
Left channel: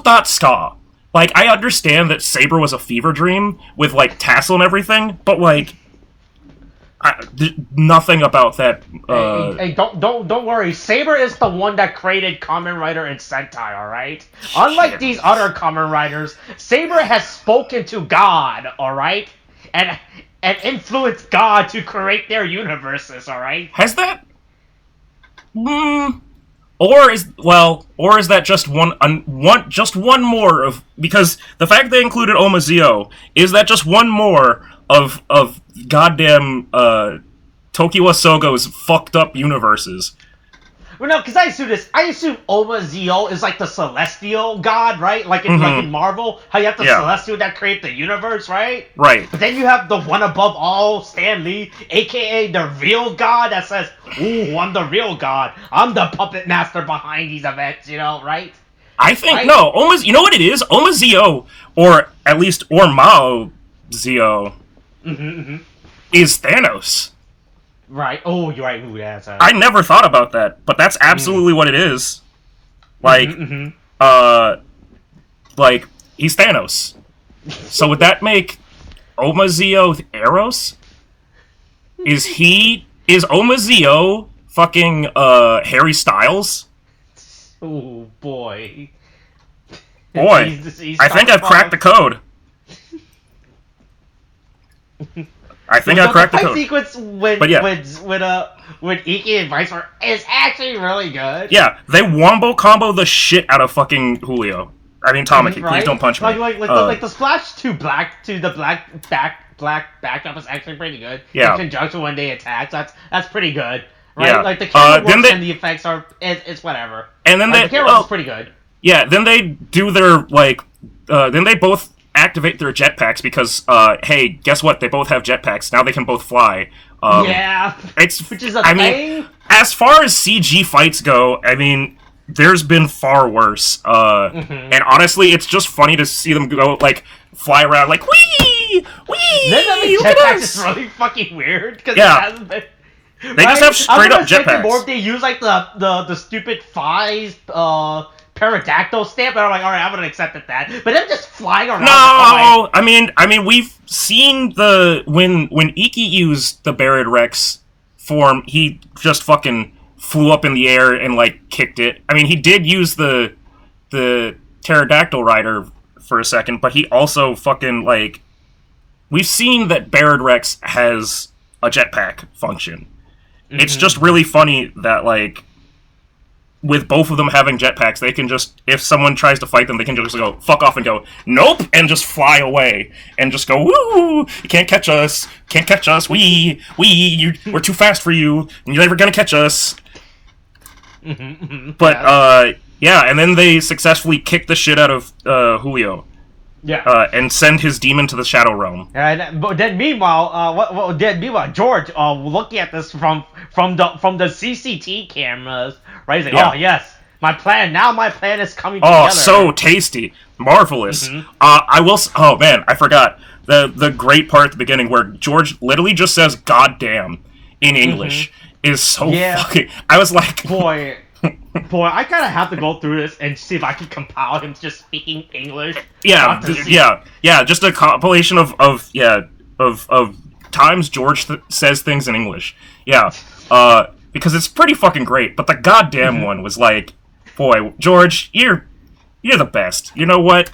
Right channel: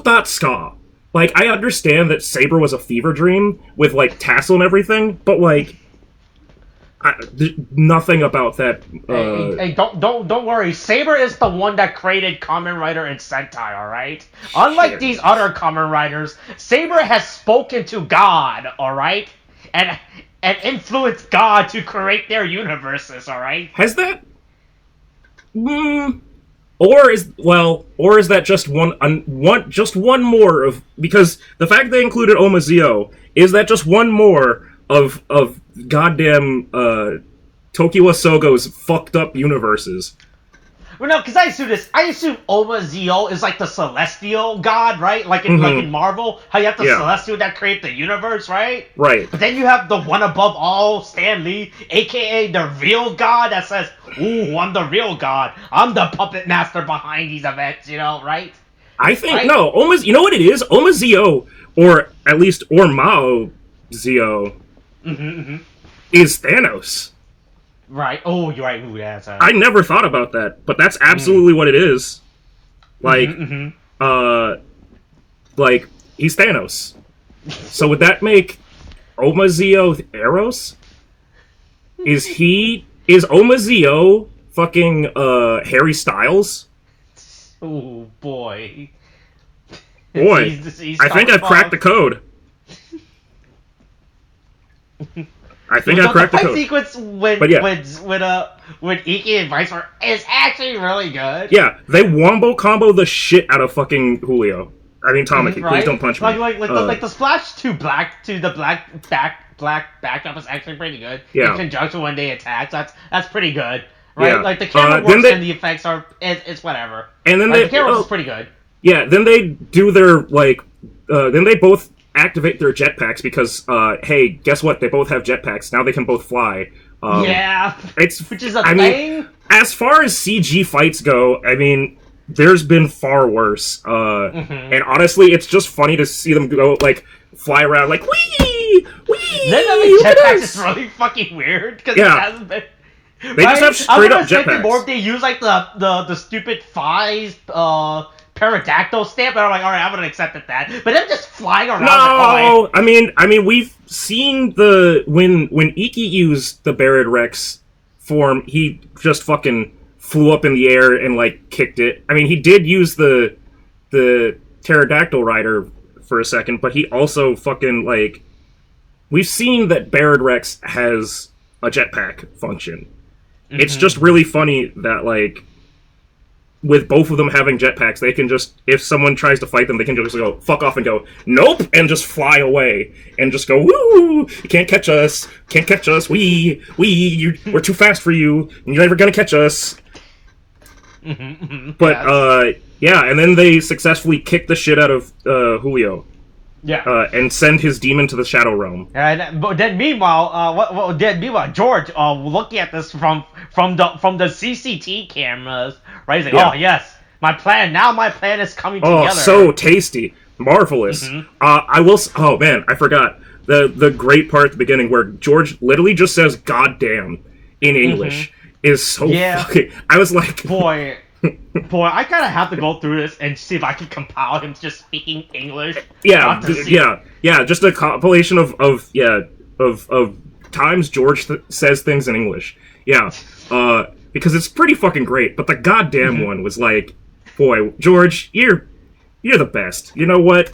thought ska? Like, I understand that Saber was a fever dream with, like, tassel and everything, but, like, Nothing about that. Hey, don't worry. Saber is the one that created Kamen Rider and Sentai. All right. Unlike these other Kamen Riders, Saber has spoken to God. All right, and influenced God to create their universes. All right. Has that? Or is that just one more of, because the fact they included Omazeo, is that just one more of goddamn Tokiwa Sogo's fucked up universes? Well, no, because I assume Omazeo is like the celestial god, right? Like in Marvel, how you have the celestial that create the universe, right? Right. But then you have the one above all, Stan Lee, aka the real god that says, "Ooh, I'm the real god. I'm the puppet master behind these events," right? I think no, you know what it is? Omazeo, or at least Mao Zeo, is Thanos. Right. Oh, you're right. Ooh, that's I never thought about that, but that's absolutely what it is. Like, like he's Thanos. So would that make Omazeo Eros? Is Omazeo fucking Harry Styles? Oh boy. Boy, he's I think I've cracked the code. I think I cracked the code. The fight sequence when Iki and Vice is actually really good. Yeah, they wombo combo the shit out of fucking Julio. I mean Tamaki, please don't punch me. Like the splash to the black backdrop is actually pretty good. Yeah. In conjunction when they attack, that's pretty good. Right? Yeah. Like the camera works and the effects are it's whatever. And then the camera works pretty good. Yeah, then they do their then they both activate their jetpacks because, hey, guess what? They both have jetpacks. Now they can both fly. Which is a thing. Mean, as far as CG fights go, I mean, there's been far worse. And honestly, it's just funny to see them go, fly around, wee! Then the jetpacks is really fucking weird, because it hasn't been... They just have straight up jetpacks. More if they use, the stupid Fi's, pterodactyl stamp, and I'm like, alright, I'm gonna accept that. But them just flying around. No, I mean, we've seen when Iki used the Barid Rex form, he just fucking flew up in the air and kicked it. I mean, he did use the pterodactyl rider for a second, but he also fucking we've seen that Barid Rex has a jetpack function. It's just really funny that with both of them having jetpacks, they can just, if someone tries to fight them, they can just go, fuck off and go, nope, and just fly away. And just go, woo, you can't catch us, we're too fast for you, and you're never gonna catch us. But, and then they successfully kick the shit out of Julio. Yeah. And send his demon to the Shadow Realm. But then meanwhile, George, looking at this from the CCT cameras, right? He's like, oh yes, my plan is coming together. Oh, so tasty, marvelous. I will. Oh man, I forgot the great part at the beginning where George literally just says "goddamn" in English is so fucking. I was like, boy, I kind of have to go through this and see if I can compile him just speaking English. Yeah, just a compilation of times George says things in English. Yeah, because it's pretty fucking great. But the goddamn one was boy, George, you're the best. You know what,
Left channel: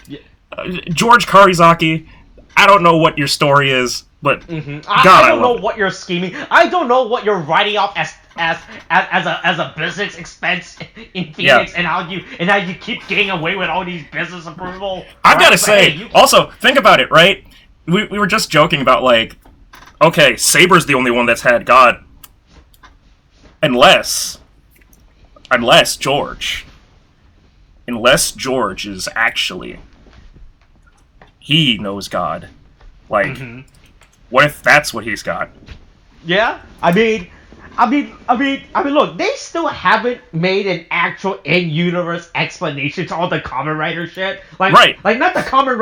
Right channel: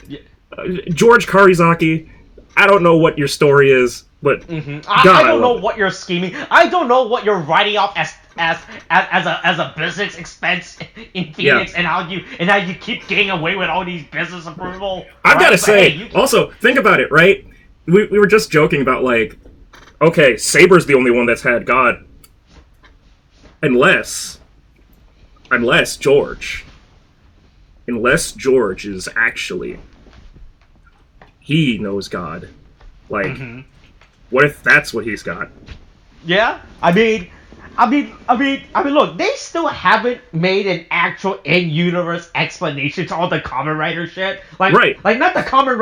George Karizaki, I don't know what your story is, but I don't know what you're scheming. I don't know what you're writing off as a business expense in Phoenix, and how you keep getting away with all these business approval. I've got to say, also think about it, right? We were just joking about okay, Saber's the only one that's had God, unless George is actually, he knows God, what if that's what he's got? Yeah, I mean, look, they still haven't made an actual in-universe explanation to all the Kamen Rider shit. Not the Kamen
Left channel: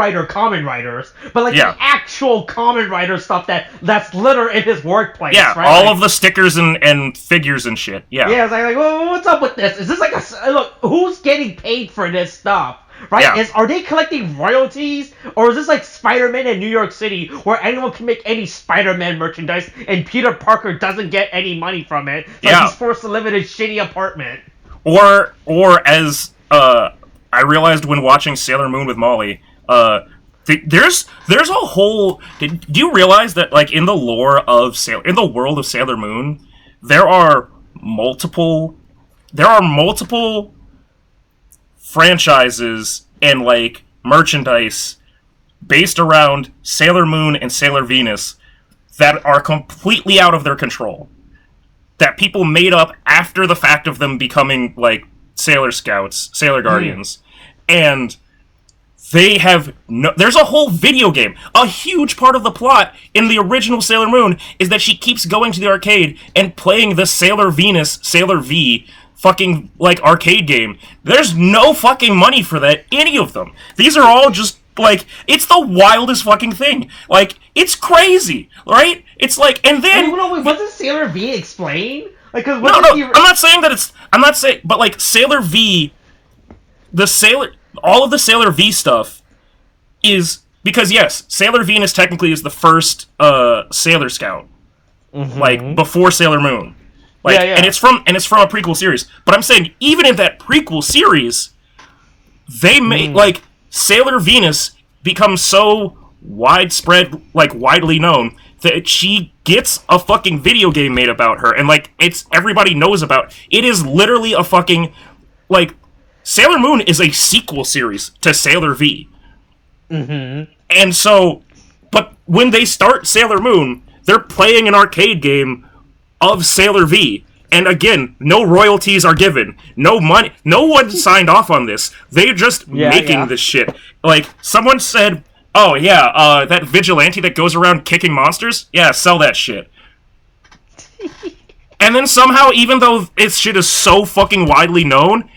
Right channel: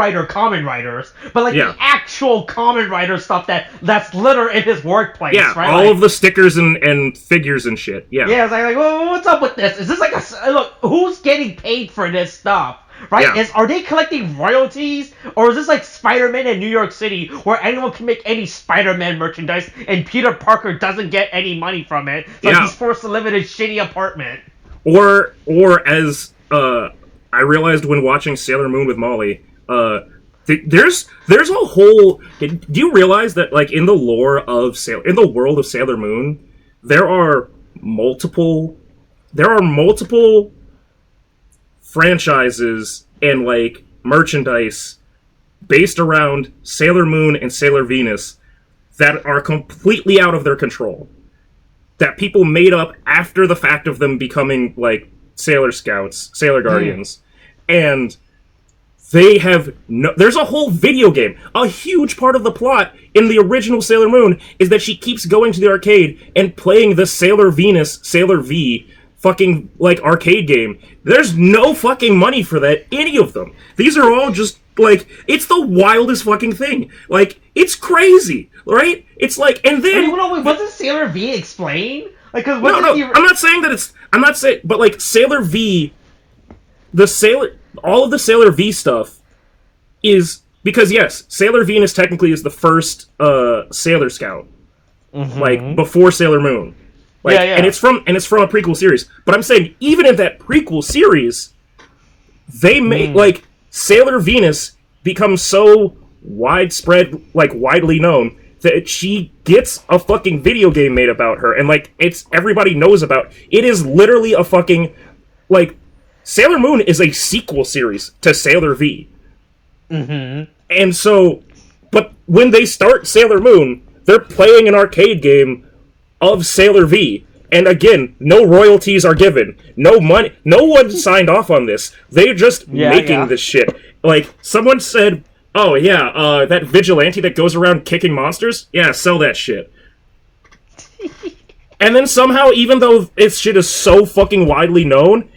Riders, but the actual Kamen Rider stuff that's littered in his workplace. Yeah, right? all of the stickers and figures and shit. Yeah. Yeah, it's well, what's up with this? Is this look? Who's getting paid for this stuff? right? Yeah. Are they collecting royalties, or is this like Spider-Man in New York City, where anyone can make any Spider-Man merchandise, and Peter Parker doesn't get any money from it, so he's forced to live in his shitty apartment? Or as I realized when watching Sailor Moon with Molly, there's a whole. Do you realize that like in the lore of in the world of Sailor Moon, there are multiple franchises and like merchandise based around Sailor Moon and Sailor Venus that are completely out of their control. That people made up after the fact of them becoming like Sailor Scouts, Sailor Guardians, and they have there's a whole video game. A huge part of the plot in the original Sailor Moon is that she keeps going to the arcade and playing the Sailor Venus, Sailor V fucking like arcade game. There's no fucking money for that, any of them. These are all just like, it's the wildest fucking thing. Like, it's crazy, right? It's like, and then Wait, wasn't Sailor V explained? Like, cause no, I'm not saying that it's. I'm not saying, but like Sailor V, all of the Sailor V stuff is because yes, Sailor Venus technically is the first Sailor Scout, like before Sailor Moon. Like, yeah. And it's from a prequel series. But I'm saying even in that prequel series, they made like Sailor Venus becomes so widespread, like widely known, that she gets a fucking video game made about her, and like everybody knows about. It is literally a fucking like Sailor Moon is a sequel series to Sailor V. And so, but when they start Sailor Moon, they're playing an arcade game of Sailor V. And again, no royalties are given. No money. No one signed off on this. They're just making this shit. Like, someone said, oh, yeah, that vigilante that goes around kicking monsters? Yeah, sell that shit. And then somehow, even though this shit is so fucking widely known,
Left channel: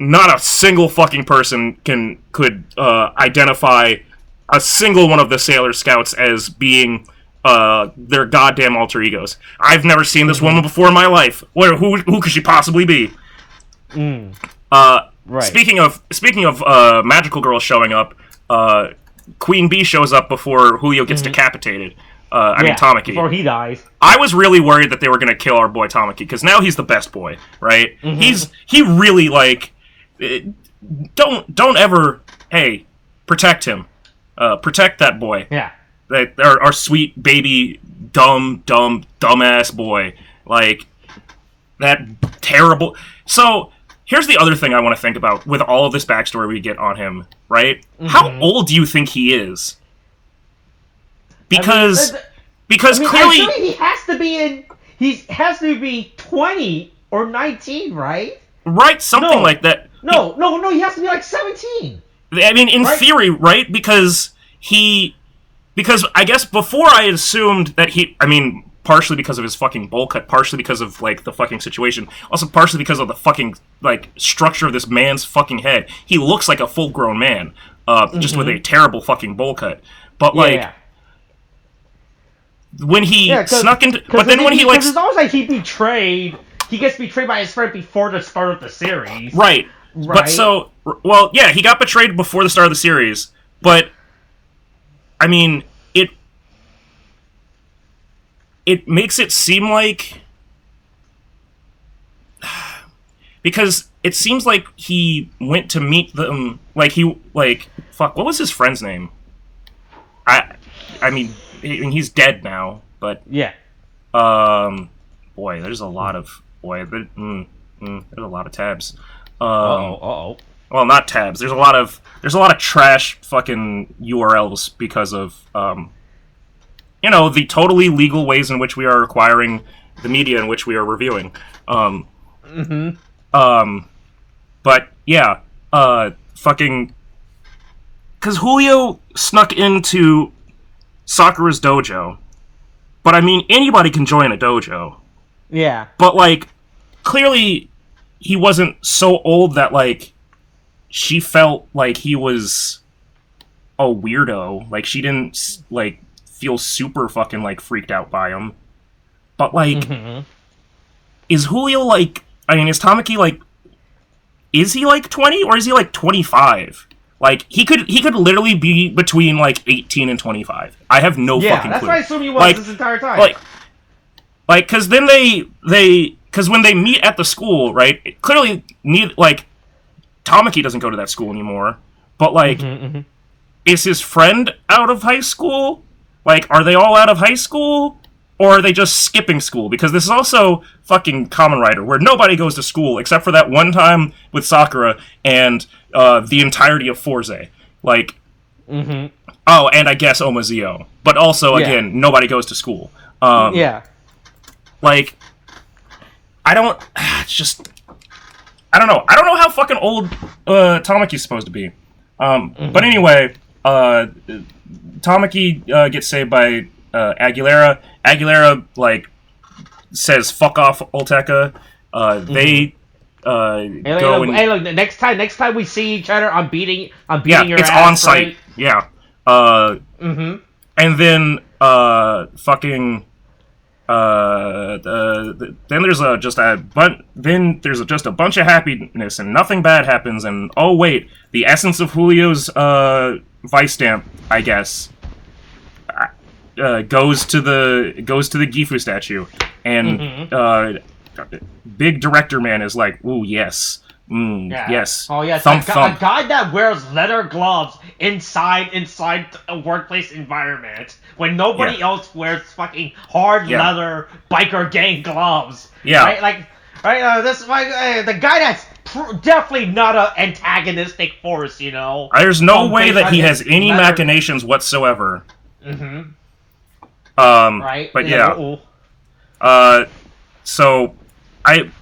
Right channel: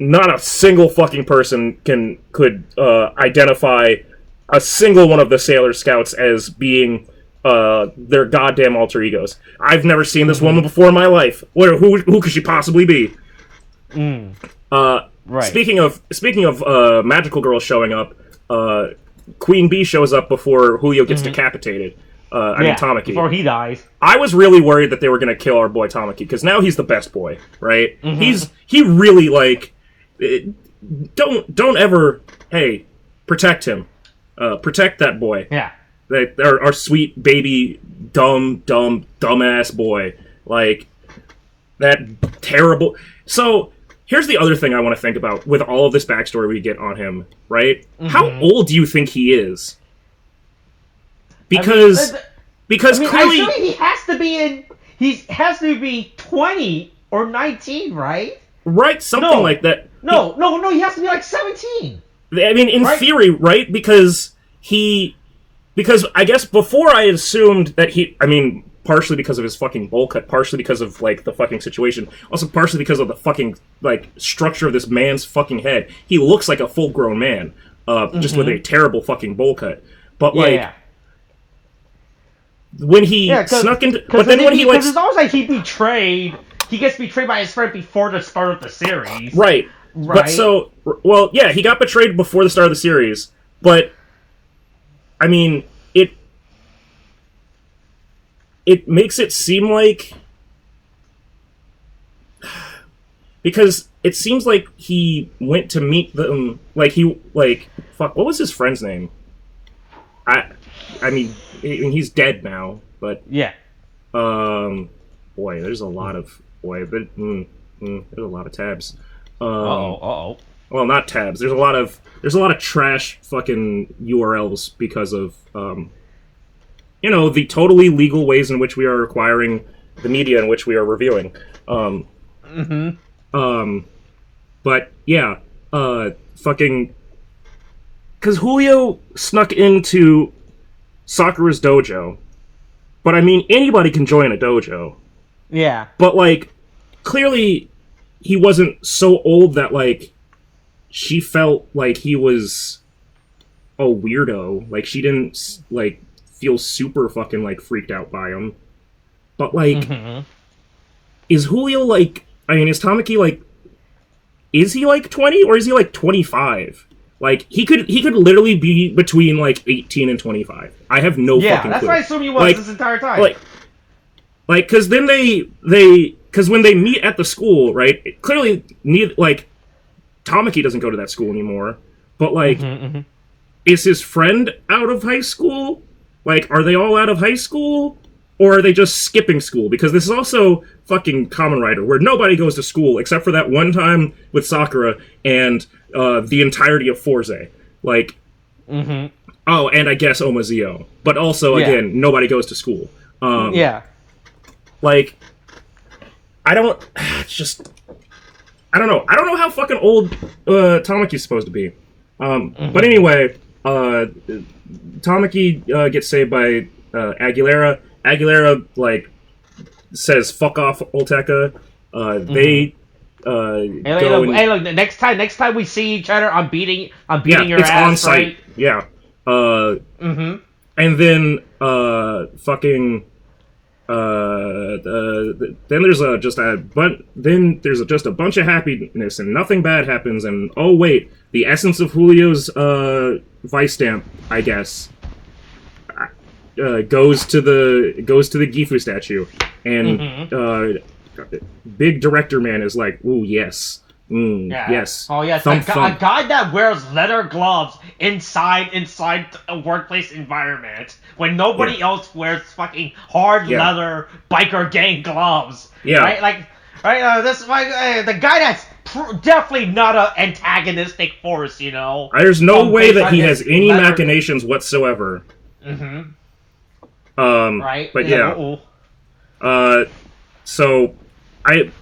not a single fucking person could identify a single one of the Sailor Scouts as being their goddamn alter egos. I've never seen this woman before in my life. Who could she possibly be? Right. Speaking of magical girls showing up, Queen Bee shows up before Julio gets decapitated. I mean Tamaki. Before he dies. I was really worried that they were going to kill our boy Tamaki, because now he's the best boy, right? He really like don't ever protect him. Protect that boy. Yeah. Our sweet baby dumbass boy, like that terrible. So here's the other thing I want to think about with all of this backstory we get on him, right? How old do you think he is? Because clearly he has to be 20 or 19, right? Right, something like that. No, he has to be like 17. I mean, in theory, right? Because I guess before I had assumed that partially because of his fucking bowl cut, partially because of, like, the fucking situation, also partially because of the fucking, like, structure of this man's fucking head. He looks like a full-grown man, just with a terrible fucking bowl cut. But, when he snuck into... But then when he, like... Because it's almost like he gets betrayed by his friend before the start of the series. Right. But so... Well, yeah, he got betrayed before the start of the series, but... I mean, it makes it seem like... Because it seems like he went to meet them... Fuck, what was his friend's name? I mean, he's dead now, but... Yeah. Boy, there's a lot of... there's a lot of tabs. Uh-oh. Well, not tabs. There's a lot of trash fucking URLs because of the totally legal ways in which we are acquiring the media in which we are reviewing. But yeah, fucking, because Julio snuck into Sakura's dojo, but I mean anybody can join a dojo. Yeah. But like, clearly, he wasn't so old that like. She felt like he was a weirdo. Like, she didn't, like, feel super fucking, like, freaked out by him. But, like, is Julio, like... I mean, is Tamaki, like... is he like 20 or is he like 25? Like he could literally be between like 18 and 25. I have no fucking clue. Yeah, that's what I assume he was this entire time. Like, because then because when they meet at the school, right? Clearly, Tamaki doesn't go to that school anymore. But like, is his friend out of high school? Like, are they all out of high school? Or are they just skipping school? Because this is also fucking Kamen Rider, where nobody goes to school except for that one time with Sakura and the entirety of Forze. Like, oh, and I guess Omazeo. But also, again, nobody goes to school. Like, I don't know. I don't know how fucking old Tamaki's supposed to be. But anyway, Tamaki gets saved by Aguilera. Aguilera, like, says, fuck off, Olteka. They go and... Hey, look, next time we see each other, I'm beating your it's ass, on site. right? Yeah. And then, fucking... then there's just a bunch of happiness and nothing bad happens, and oh wait, the essence of Julio's vice stamp, I guess, goes to the Gifu statue, and big director man is like, ooh yes. Yes. Oh yes, thump. A guy that wears leather gloves inside a workplace environment when nobody else wears fucking hard leather biker gang gloves. Yeah. Right. This the guy that's definitely not an antagonistic force. You know. There's no way that he has any machinations whatsoever. Right. But yeah. So I'm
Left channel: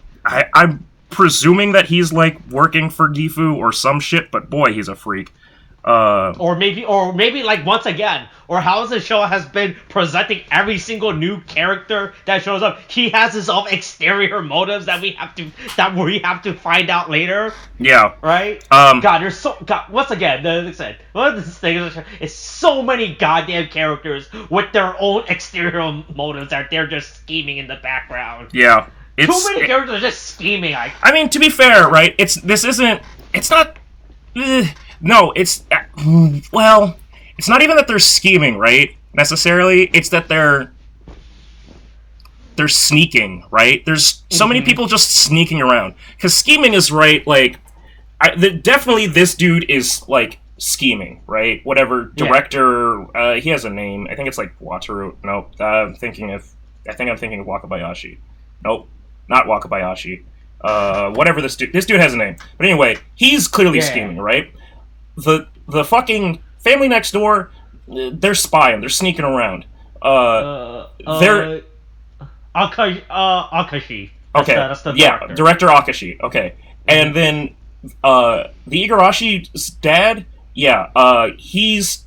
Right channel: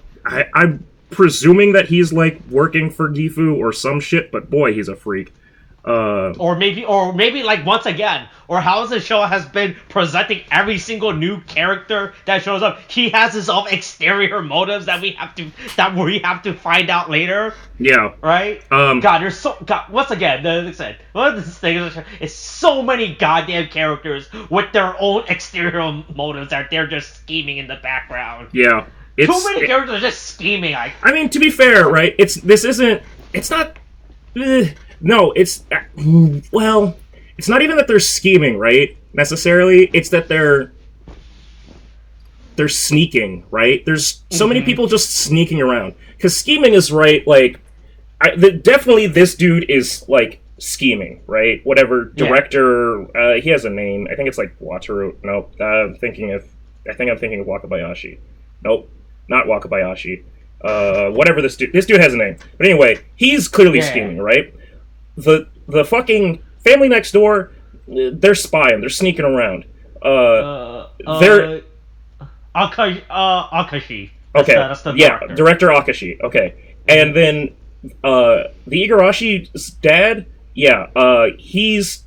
presuming that he's like working for Gifu or some shit, but boy, he's a freak. Or maybe like once again, or how the show has been presenting every single new character that shows up, he has his own exterior motives that we have to find out later. Yeah. Right. Once again, like I said, one of the things is so many goddamn characters with their own exterior motives that they're just scheming in the background. Yeah. Too many characters are just scheming. I mean, to be fair, right? It's not. No, it's not even that they're scheming, right? Necessarily, it's that they're sneaking, right? There's so many people just sneaking around because scheming is right. Like, definitely this dude is like scheming, right? Whatever director, he has a name. I think it's like Wataru. Nope. I'm thinking of Wakabayashi. Nope. Not Wakabayashi. Whatever this dude has a name. But anyway, he's clearly scheming, right? The fucking family next door, they're spying. They're sneaking around. They're Akashi. That's the director. Director Akashi. Okay, and then the Igarashi's dad. Yeah, he's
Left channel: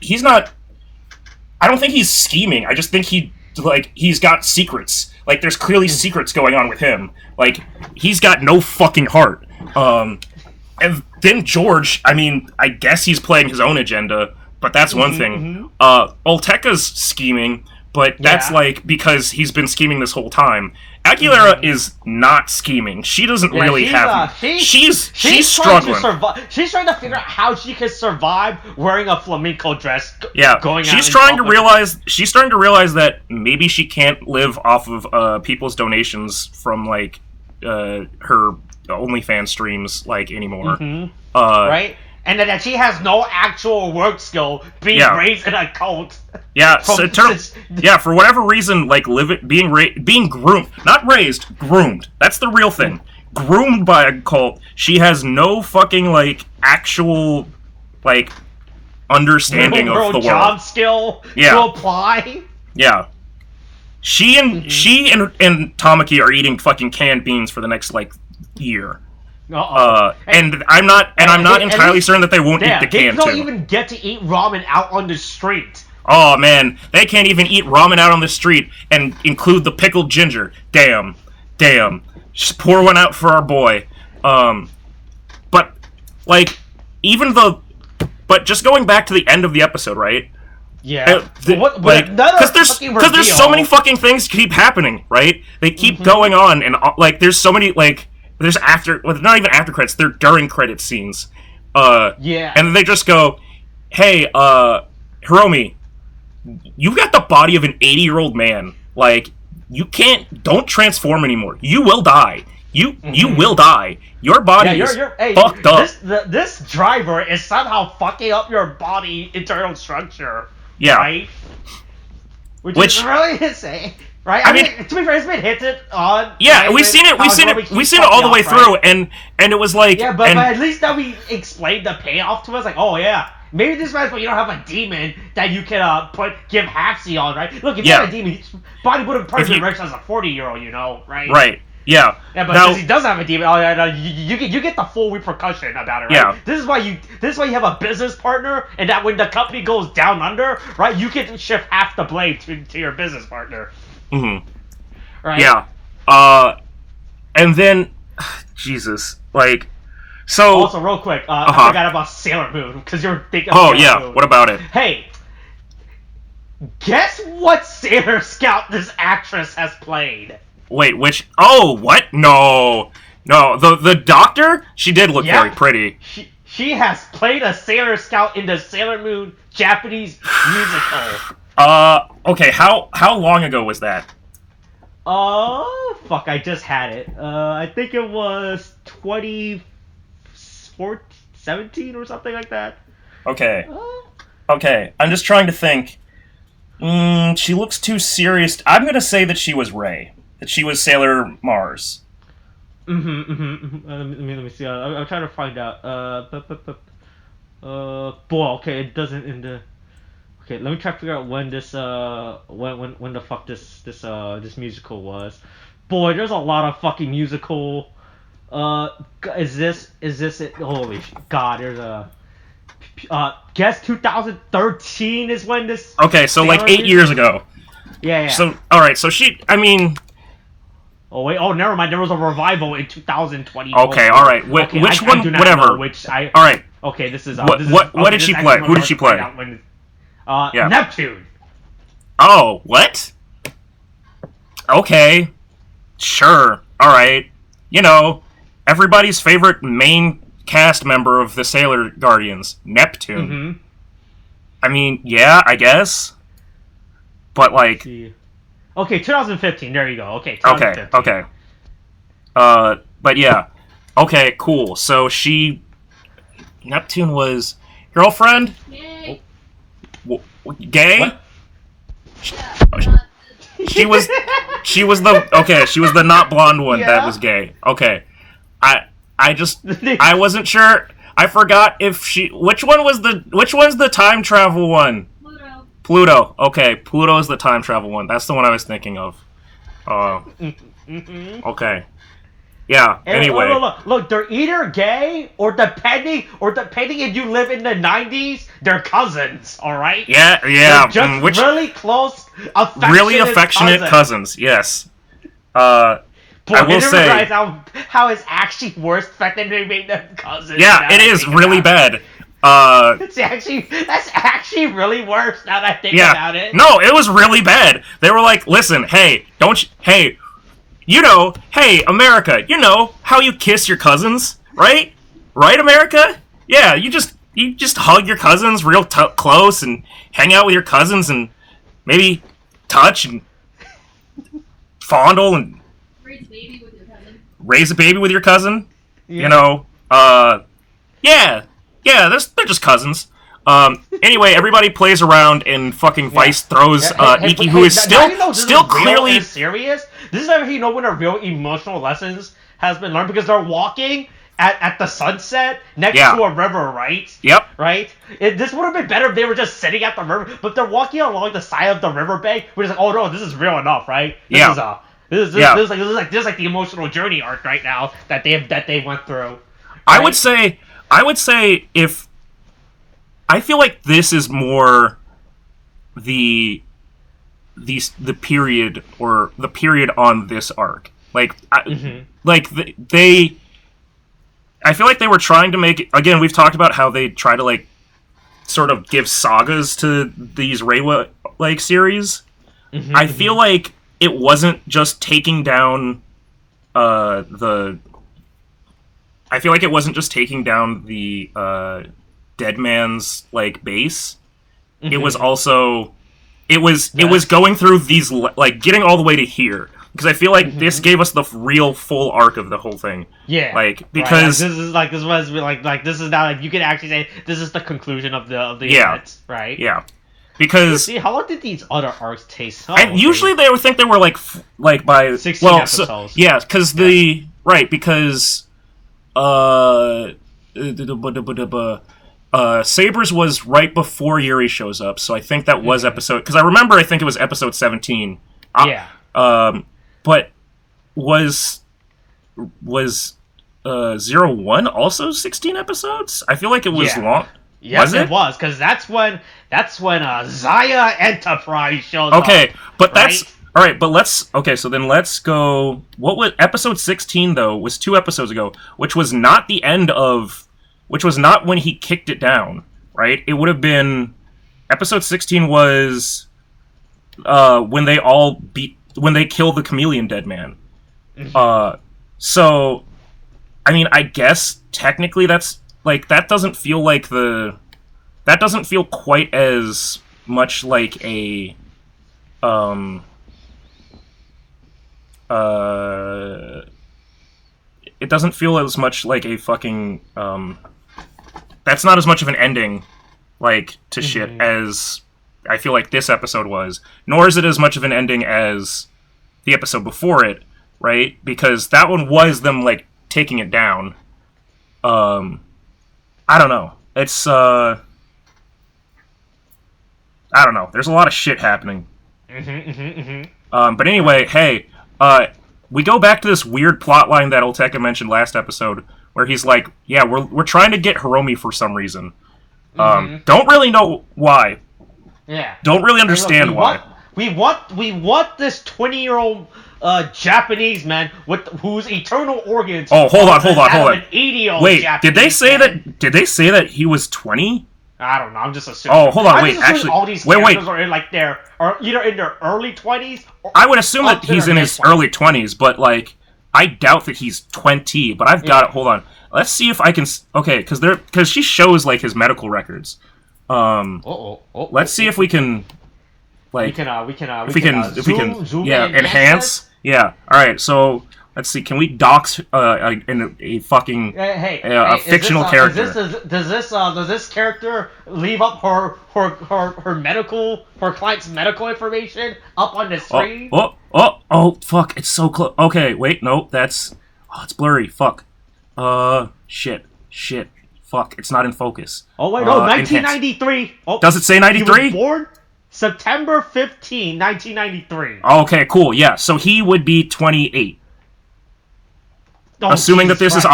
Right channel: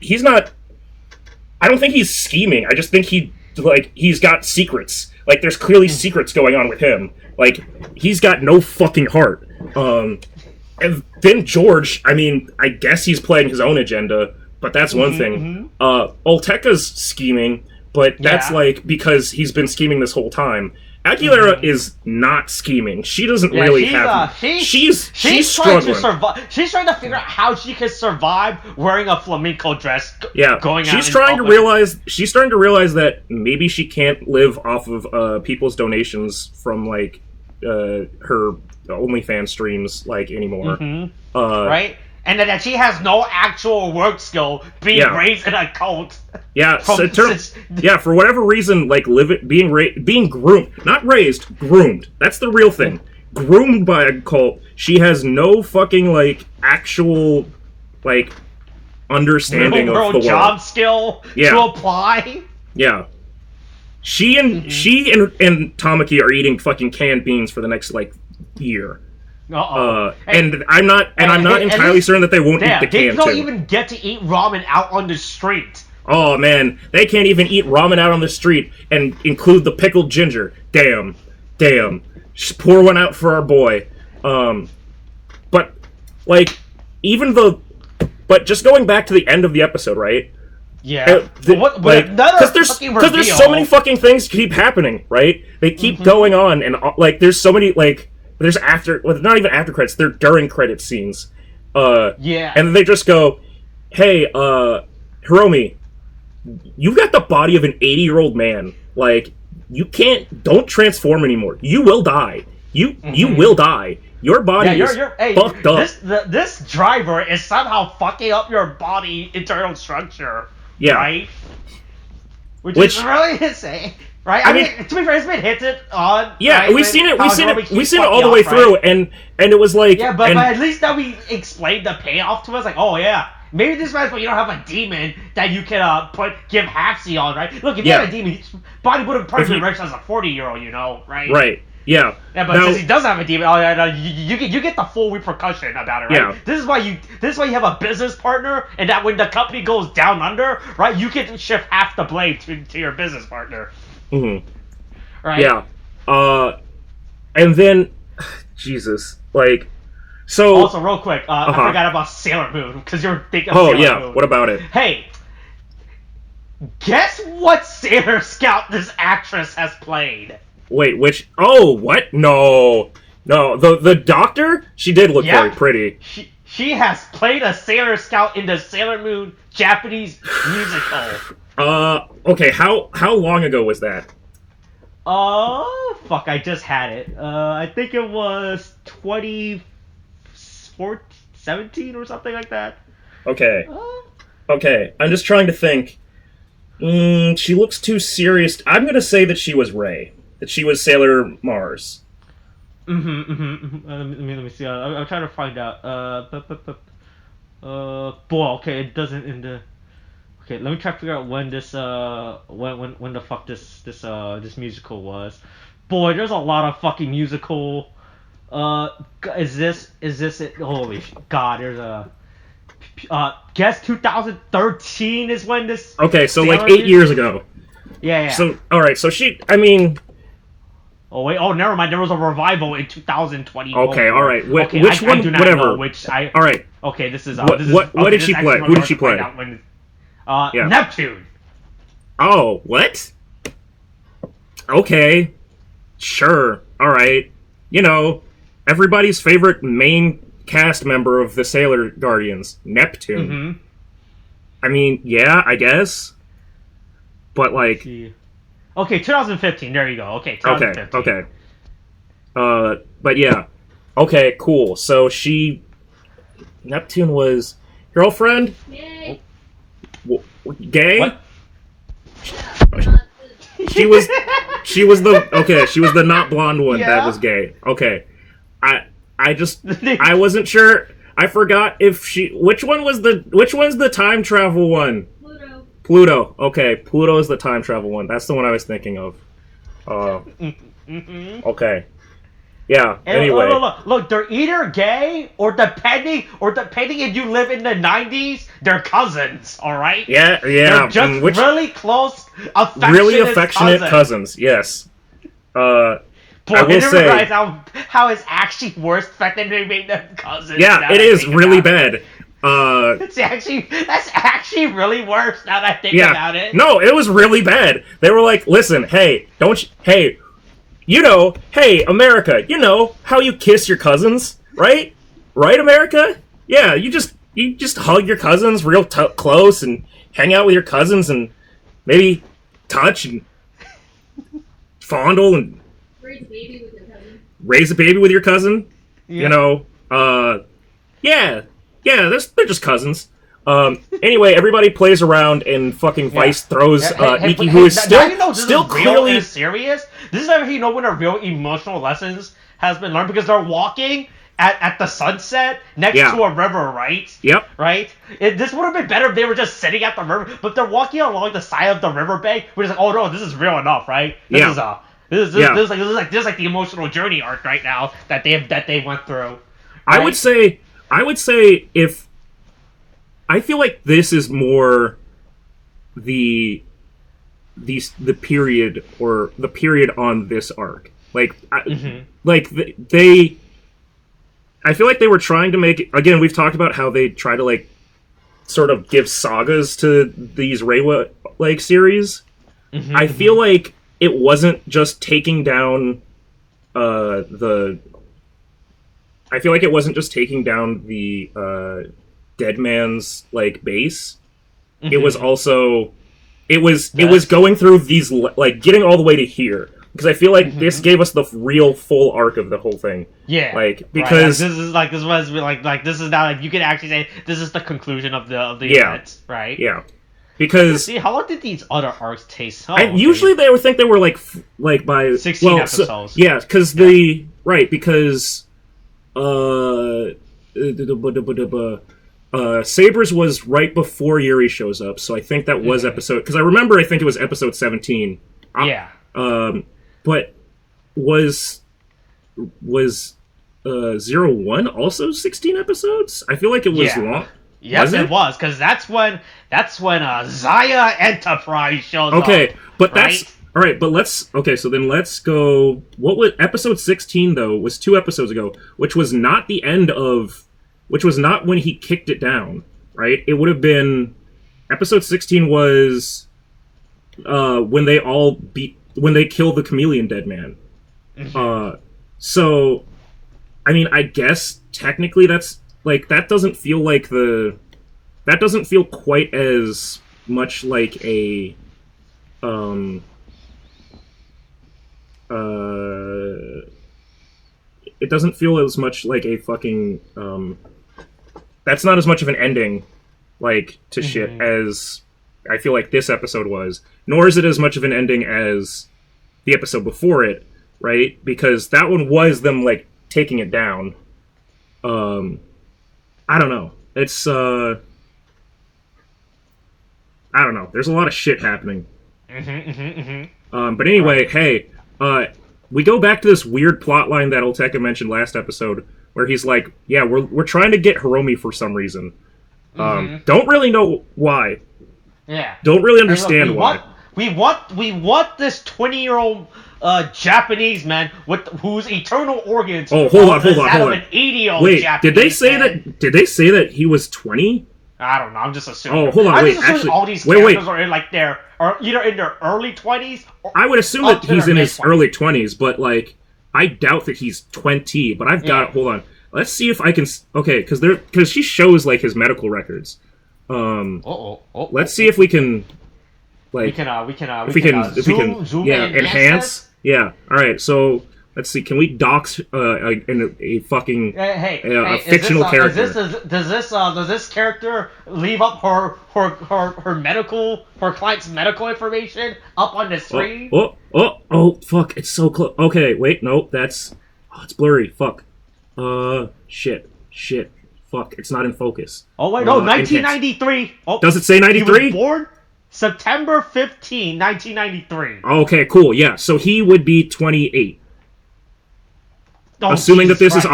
not. I don't think he's scheming. I just think he's got secrets. Like, there's clearly secrets going on with him. Like, he's got no fucking heart. And then George, I mean, I guess he's playing his own agenda, but that's one thing. Olteka's scheming, but that's, like, because he's been scheming this whole time. Aguilera is not scheming. She doesn't really have... She's struggling. She's trying to figure out how she can survive wearing a flamenco dress going out She's starting to realize that maybe she can't live off of people's donations from, like, her OnlyFans streams, like, anymore. Right? And that she has no actual work skill being raised in a cult. Yeah, for whatever reason, like, being groomed. Not raised, groomed. That's the real thing. Groomed by a cult. She has no fucking, like, actual, like, understanding of the world. Job skill to apply. Yeah. She and Tamaki are eating fucking canned beans for the next, like, year. And I'm not entirely certain that they won't eat the can too. They don't even get to eat ramen out on the street. Oh man, they can't even eat ramen out on the street and include the pickled ginger. Damn. Just pour one out for our boy. But like, but just going back to the end of the episode, right? Yeah. Because there's so many fucking things keep happening, right? They keep going on, and like there's so many like there's not even after credits, they're during credit scenes. Yeah. And then they just go, hey, Hiromi, you've got the body of an 80-year-old man. Like, don't transform anymore. You will die. You will die. Your body is fucked up. This driver is somehow fucking up your body internal structure. Yeah. Right? Which is really insane. Right? I mean, to be fair, it's been hinted on. Yeah, right? we've seen it all the way through, and it was like. Yeah, but at least now we explained the payoff to us. Like, oh yeah, maybe this man's, but you don't have a demon that you can give halfsy on, right? Look, if you had a demon, his body would have probably been rich as a 40-year-old, right? Right. Yeah. Yeah, but since he does have a demon, you get the full repercussion about it, right? Yeah. This is why you have a business partner, and that when the company goes down under, right, you can shift half the blame to your business partner. Mm-hmm. Right. Yeah. And then, Jesus, like, so. Also, real quick, I forgot about Sailor Moon because you're thinking of Sailor Moon. What about it? Hey, guess what Sailor Scout this actress has played? Wait, which? Oh, what? No, the doctor. She did look very pretty. She has played a Sailor Scout in the Sailor Moon Japanese musical. Okay, how long ago was that? Oh, fuck, I just had it. I think it was 2017 or something like that. Okay. Okay, I'm just trying to think. She looks too serious. I'm gonna say that she was Rei. That she was Sailor Mars. Let me see. I'm trying to find out. Boy, okay, it doesn't in the... Okay, let me try to figure out when this when the fuck this musical was. Boy, there's a lot of fucking musical. Is this it? Holy God, there's a. Guess 2013 is when this. Okay, so like 8 years ago. Yeah. So all right, so I mean. Oh wait! Oh, never mind. There was a revival in 2020. Okay, all right. Which one? I do not whatever. Know which I. All right. Okay, this is. What did she play? Who did she play? Neptune. Oh, what? Okay. Sure. All right. Everybody's favorite main cast member of the Sailor Guardians, Neptune. Mm-hmm. I mean, yeah, I guess. But like. Okay, 2015. There you go. Okay, 2015. Okay. But yeah. Okay, cool. So Neptune was girlfriend? Yay. Gay? What? She was the not blonde one that was gay. Okay. I wasn't sure. I forgot if which one's the time travel one? Pluto. Okay, Pluto is the time travel one. That's the one I was thinking of. Okay. Yeah. Anyway. Look, they're either gay or depending if you live in the 90s, they're cousins. All right. Yeah. They're just really close, affectionate cousins. Yes. Boy, I will say realize how it's actually worse the fact that they made them cousins. Yeah, it is really bad. That's actually really worse now that I think about it. No, it was really bad. They were like, listen, hey, hey, America, how you kiss your cousins, right? Right, America? Yeah, you just hug your cousins real close and hang out with your cousins and maybe touch and fondle and raise a baby with your cousin. Raise a baby with your cousin? Yeah. Yeah, they're just cousins. Anyway, everybody plays around and fucking Vice throws Iki, who is still clearly serious. This is how you know when a real emotional lessons has been learned, because they're walking at the sunset next to a river, right? Yep. Right? This would have been better if they were just sitting at the river, but they're walking along the side of the riverbank. We're just like, oh no, this is real enough, right? This is like the emotional journey arc right now that they went through. Right? I would say if I feel like this is more the period or the period on this arc. Like they I feel like they were trying to make, again, we've talked about how they try to like sort of give sagas to these Reiwa like series. I feel like it wasn't just taking down the I feel like it wasn't just taking down the dead man's like base. It was also it was going through these like getting all the way to here. Because I feel like this gave us the real full arc of the whole thing. Yeah. Like because this is now like you can actually say this is the conclusion of the event, right? Yeah. Because see, how long did these other arcs take? Oh, and usually they would think they were like by 16 episodes. So, yeah, because Sabers was right before Yuri shows up, so I think that was episode. Because I remember, I think it was episode 17. Yeah. But was 01 also 16 episodes? I feel like it was long. Yes, it was, because that's when Zaya Enterprise shows up. Okay, but right? that's all right. But let's go. What was episode 16 though? Was 2 episodes ago, which was not the end of, which was not when he kicked it down. Right? It would have been episode 16 was when they kill the chameleon dead man. So, I mean, I guess technically that's like that doesn't feel quite as much like a it doesn't feel as much like a fucking that's not as much of an ending like to shit as I feel like this episode was, nor is it as much of an ending as the episode before it, right? Because that one was them like taking it down. I don't know. It's I don't know. There's a lot of shit happening. But anyway, hey, we go back to this weird plot line that Olteka mentioned last episode, where he's like, "Yeah, we're trying to get Hiromi for some reason. Don't really know why. Yeah. Don't really understand why. We want this 20-year-old Japanese man with whose eternal organs. Oh, hold on. An 80-year-old wait, Japanese did they say man. Did they say that he was 20? I don't know. I'm just assuming. Oh, hold on. Wait, actually, all these characters are in like either in their early 20s. Or I would assume that he's in his 20s. early 20s, but like I doubt that he's 20. But I've got it. Hold on. Let's see if I can. Okay, because she shows like his medical records. Let's see if we can. Like, we can zoom yeah, in, enhance. Yeah. All right. So let's see. Can we dox a fucking fictional character? Does this character leave up her client's medical information up on the screen? Oh, fuck! It's so close. Okay, wait, no, it's blurry. Fuck. Shit. Fuck! It's not in focus. Oh wait, no, 1993. Oh, does it say 93? He was born September 15, 1993. Okay, cool. Yeah, so he would be 28. Oh, assuming Jesus that this Christ.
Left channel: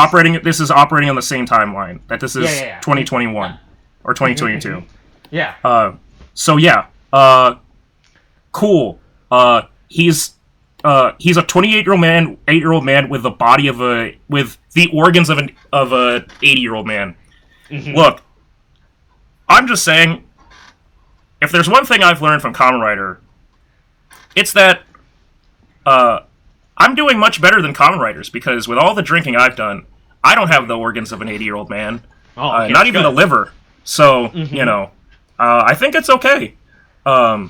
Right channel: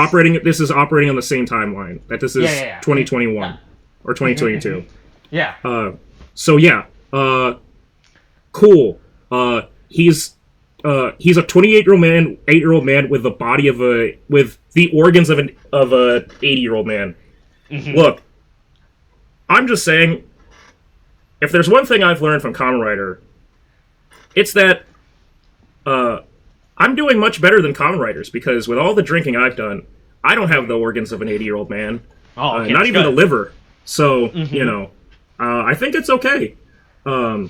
is operating on the same timeline. That this is 2021 or 2022. Yeah. So yeah. Cool. He's a 28-year-old man, 8-year-old man with the body of with the organs of a 80-year-old man. Look, I'm just saying, if there's one thing I've learned from Kamen Rider, it's that I'm doing much better than Kamen Riders, because with all the drinking I've done, I don't have the organs of an 80-year-old man. Okay, not even good. the liver. So, you know, I think it's okay. I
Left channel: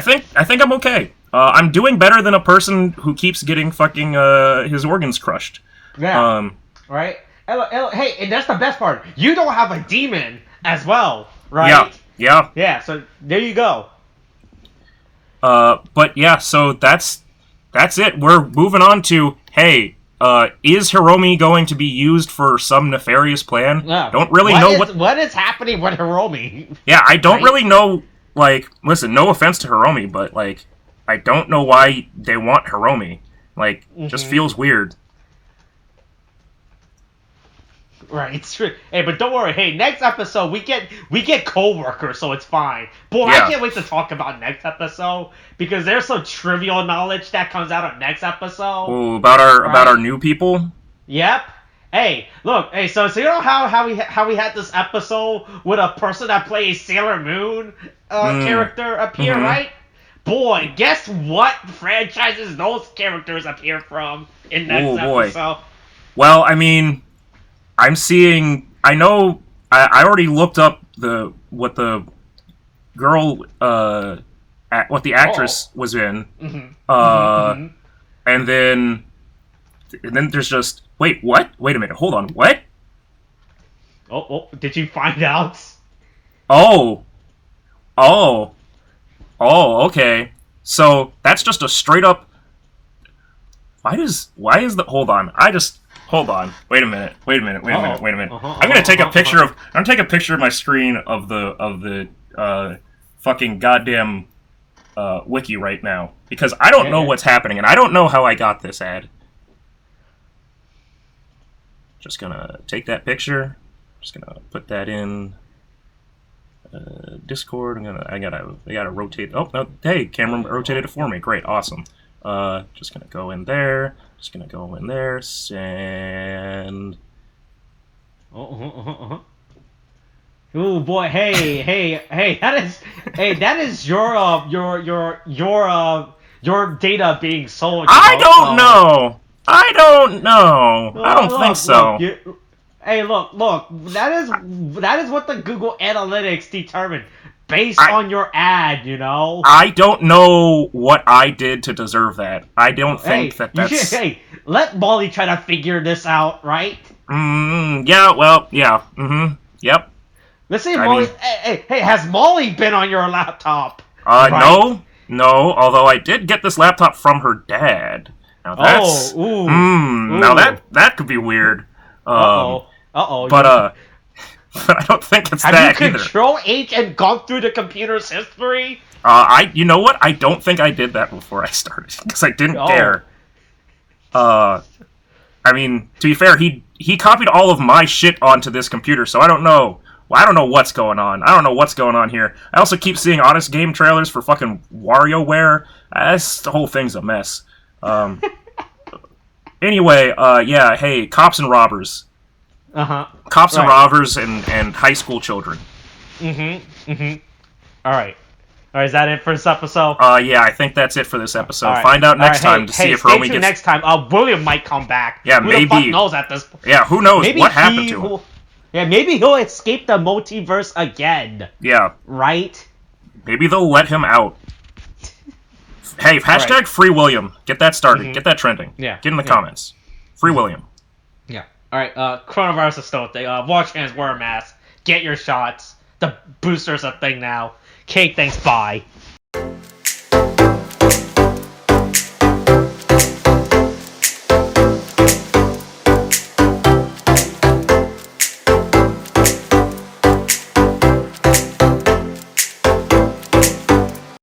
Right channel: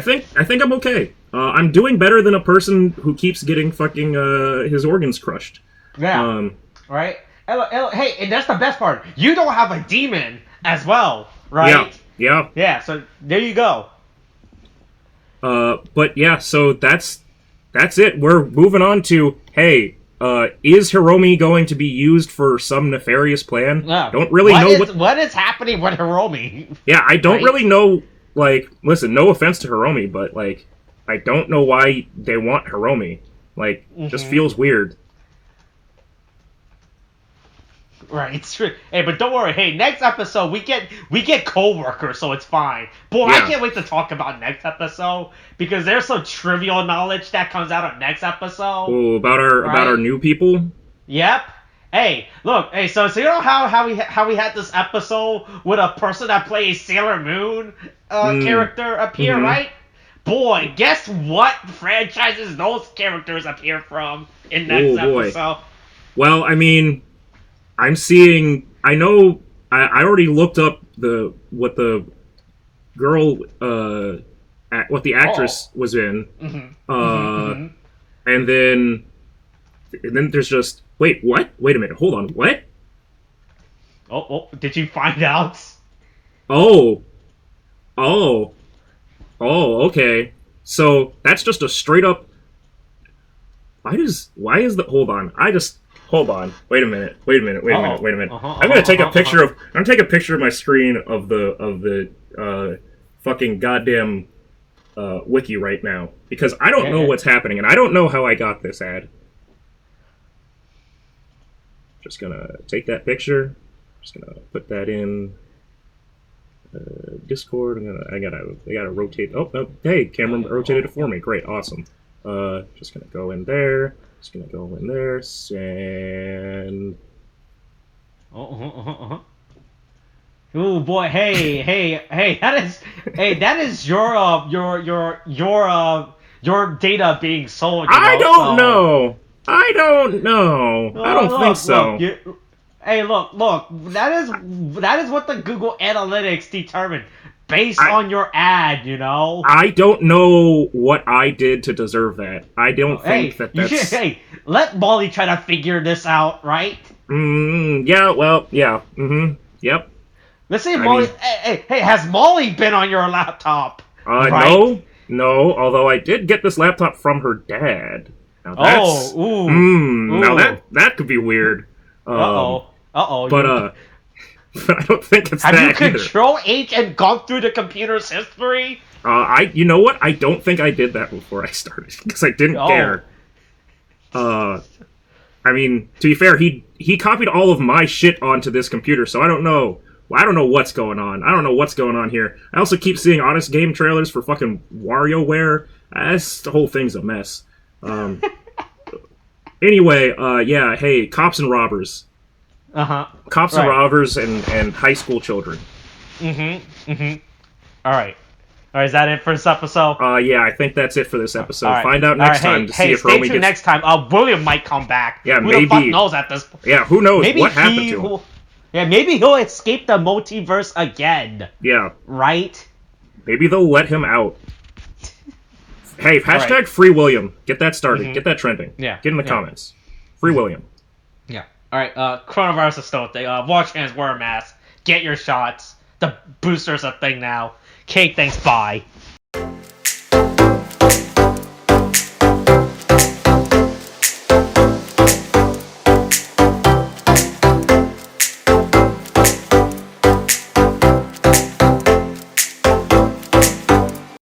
think I'm okay. I'm doing better than a person who keeps getting fucking his organs crushed. Yeah. Right? Hey, and that's the best part. You don't have a demon as well, right? Yeah. Yeah, so there you go. But yeah, so that's it. We're moving on to, hey, is Hiromi going to be used for some nefarious plan? Yeah. Don't really know what is happening with Hiromi. Yeah, I don't really know, like, listen, no offense to Hiromi, but, like, I don't know why they want Hiromi. Like, just feels weird. Right, it's true. Hey, but don't worry. Hey, next episode we get co-workers, so it's fine. Boy, Yeah. I can't wait to talk about next episode, because there's some trivial knowledge that comes out of next episode. Ooh, about our new people. Yep. Hey, look. Hey, so you know how we had this episode with a person that plays Sailor Moon character appear, right? Boy, guess what franchises those characters appear from in next episode? Well, I mean, I'm seeing. I know. I already looked up what the girl, what the actress was in, and then there's just wait, what? Wait a minute, hold on, what? Oh, did you find out? Oh, okay. So that's just a straight up. Why is the? Hold on, hold on. Wait a minute. I'm gonna take a picture of. I'm gonna take a picture of my screen of the fucking goddamn wiki right now because I don't know what's happening and I don't know how I got this ad. Just gonna take that picture. Just gonna put that in Discord. I gotta rotate. Oh no! Hey, camera rotated it for me. Great, awesome. Just gonna go in there. Just gonna go in there. Send. Oh boy! Hey! That is your data being sold. I don't know. I don't think so. Look. That is what the Google Analytics determined based on your ad. You know. I don't know what I did to deserve that. I don't think that's. Let Molly try to figure this out, right? Yeah. Well. Yeah. Yep. Let's say Molly. Hey, has Molly been on your laptop? Right? No. Although I did get this laptop from her dad. Now that's, now that could be weird. But I don't think it's that either. Have you Control-H and gone through the computer's history? You know what? I don't think I did that before I started because I didn't care. I mean, to be fair, he copied all of my shit onto this computer, so I don't know. Well, I don't know what's going on. I don't know what's going on here. I also keep seeing Honest Game trailers for fucking WarioWare. The whole thing's a mess. Anyway, yeah, hey, cops and robbers. Cops and robbers and high school children. Alright, is that it for this episode? Yeah, I think that's it for this episode. Find out next time to see if Romy stay tuned next time. William might come back. Yeah, who maybe. the fuck knows at this point? Yeah, who knows what happened to him? Yeah, maybe he'll escape the multiverse again. Yeah. Right? Maybe they'll let him out. Hey, hashtag Free William. Get that started. Get that trending. Yeah. Get in the comments. Free William. Yeah. Alright, coronavirus is still a thing. Wash hands, wear a mask. Get your shots. The booster's a thing now. Okay, thanks, bye.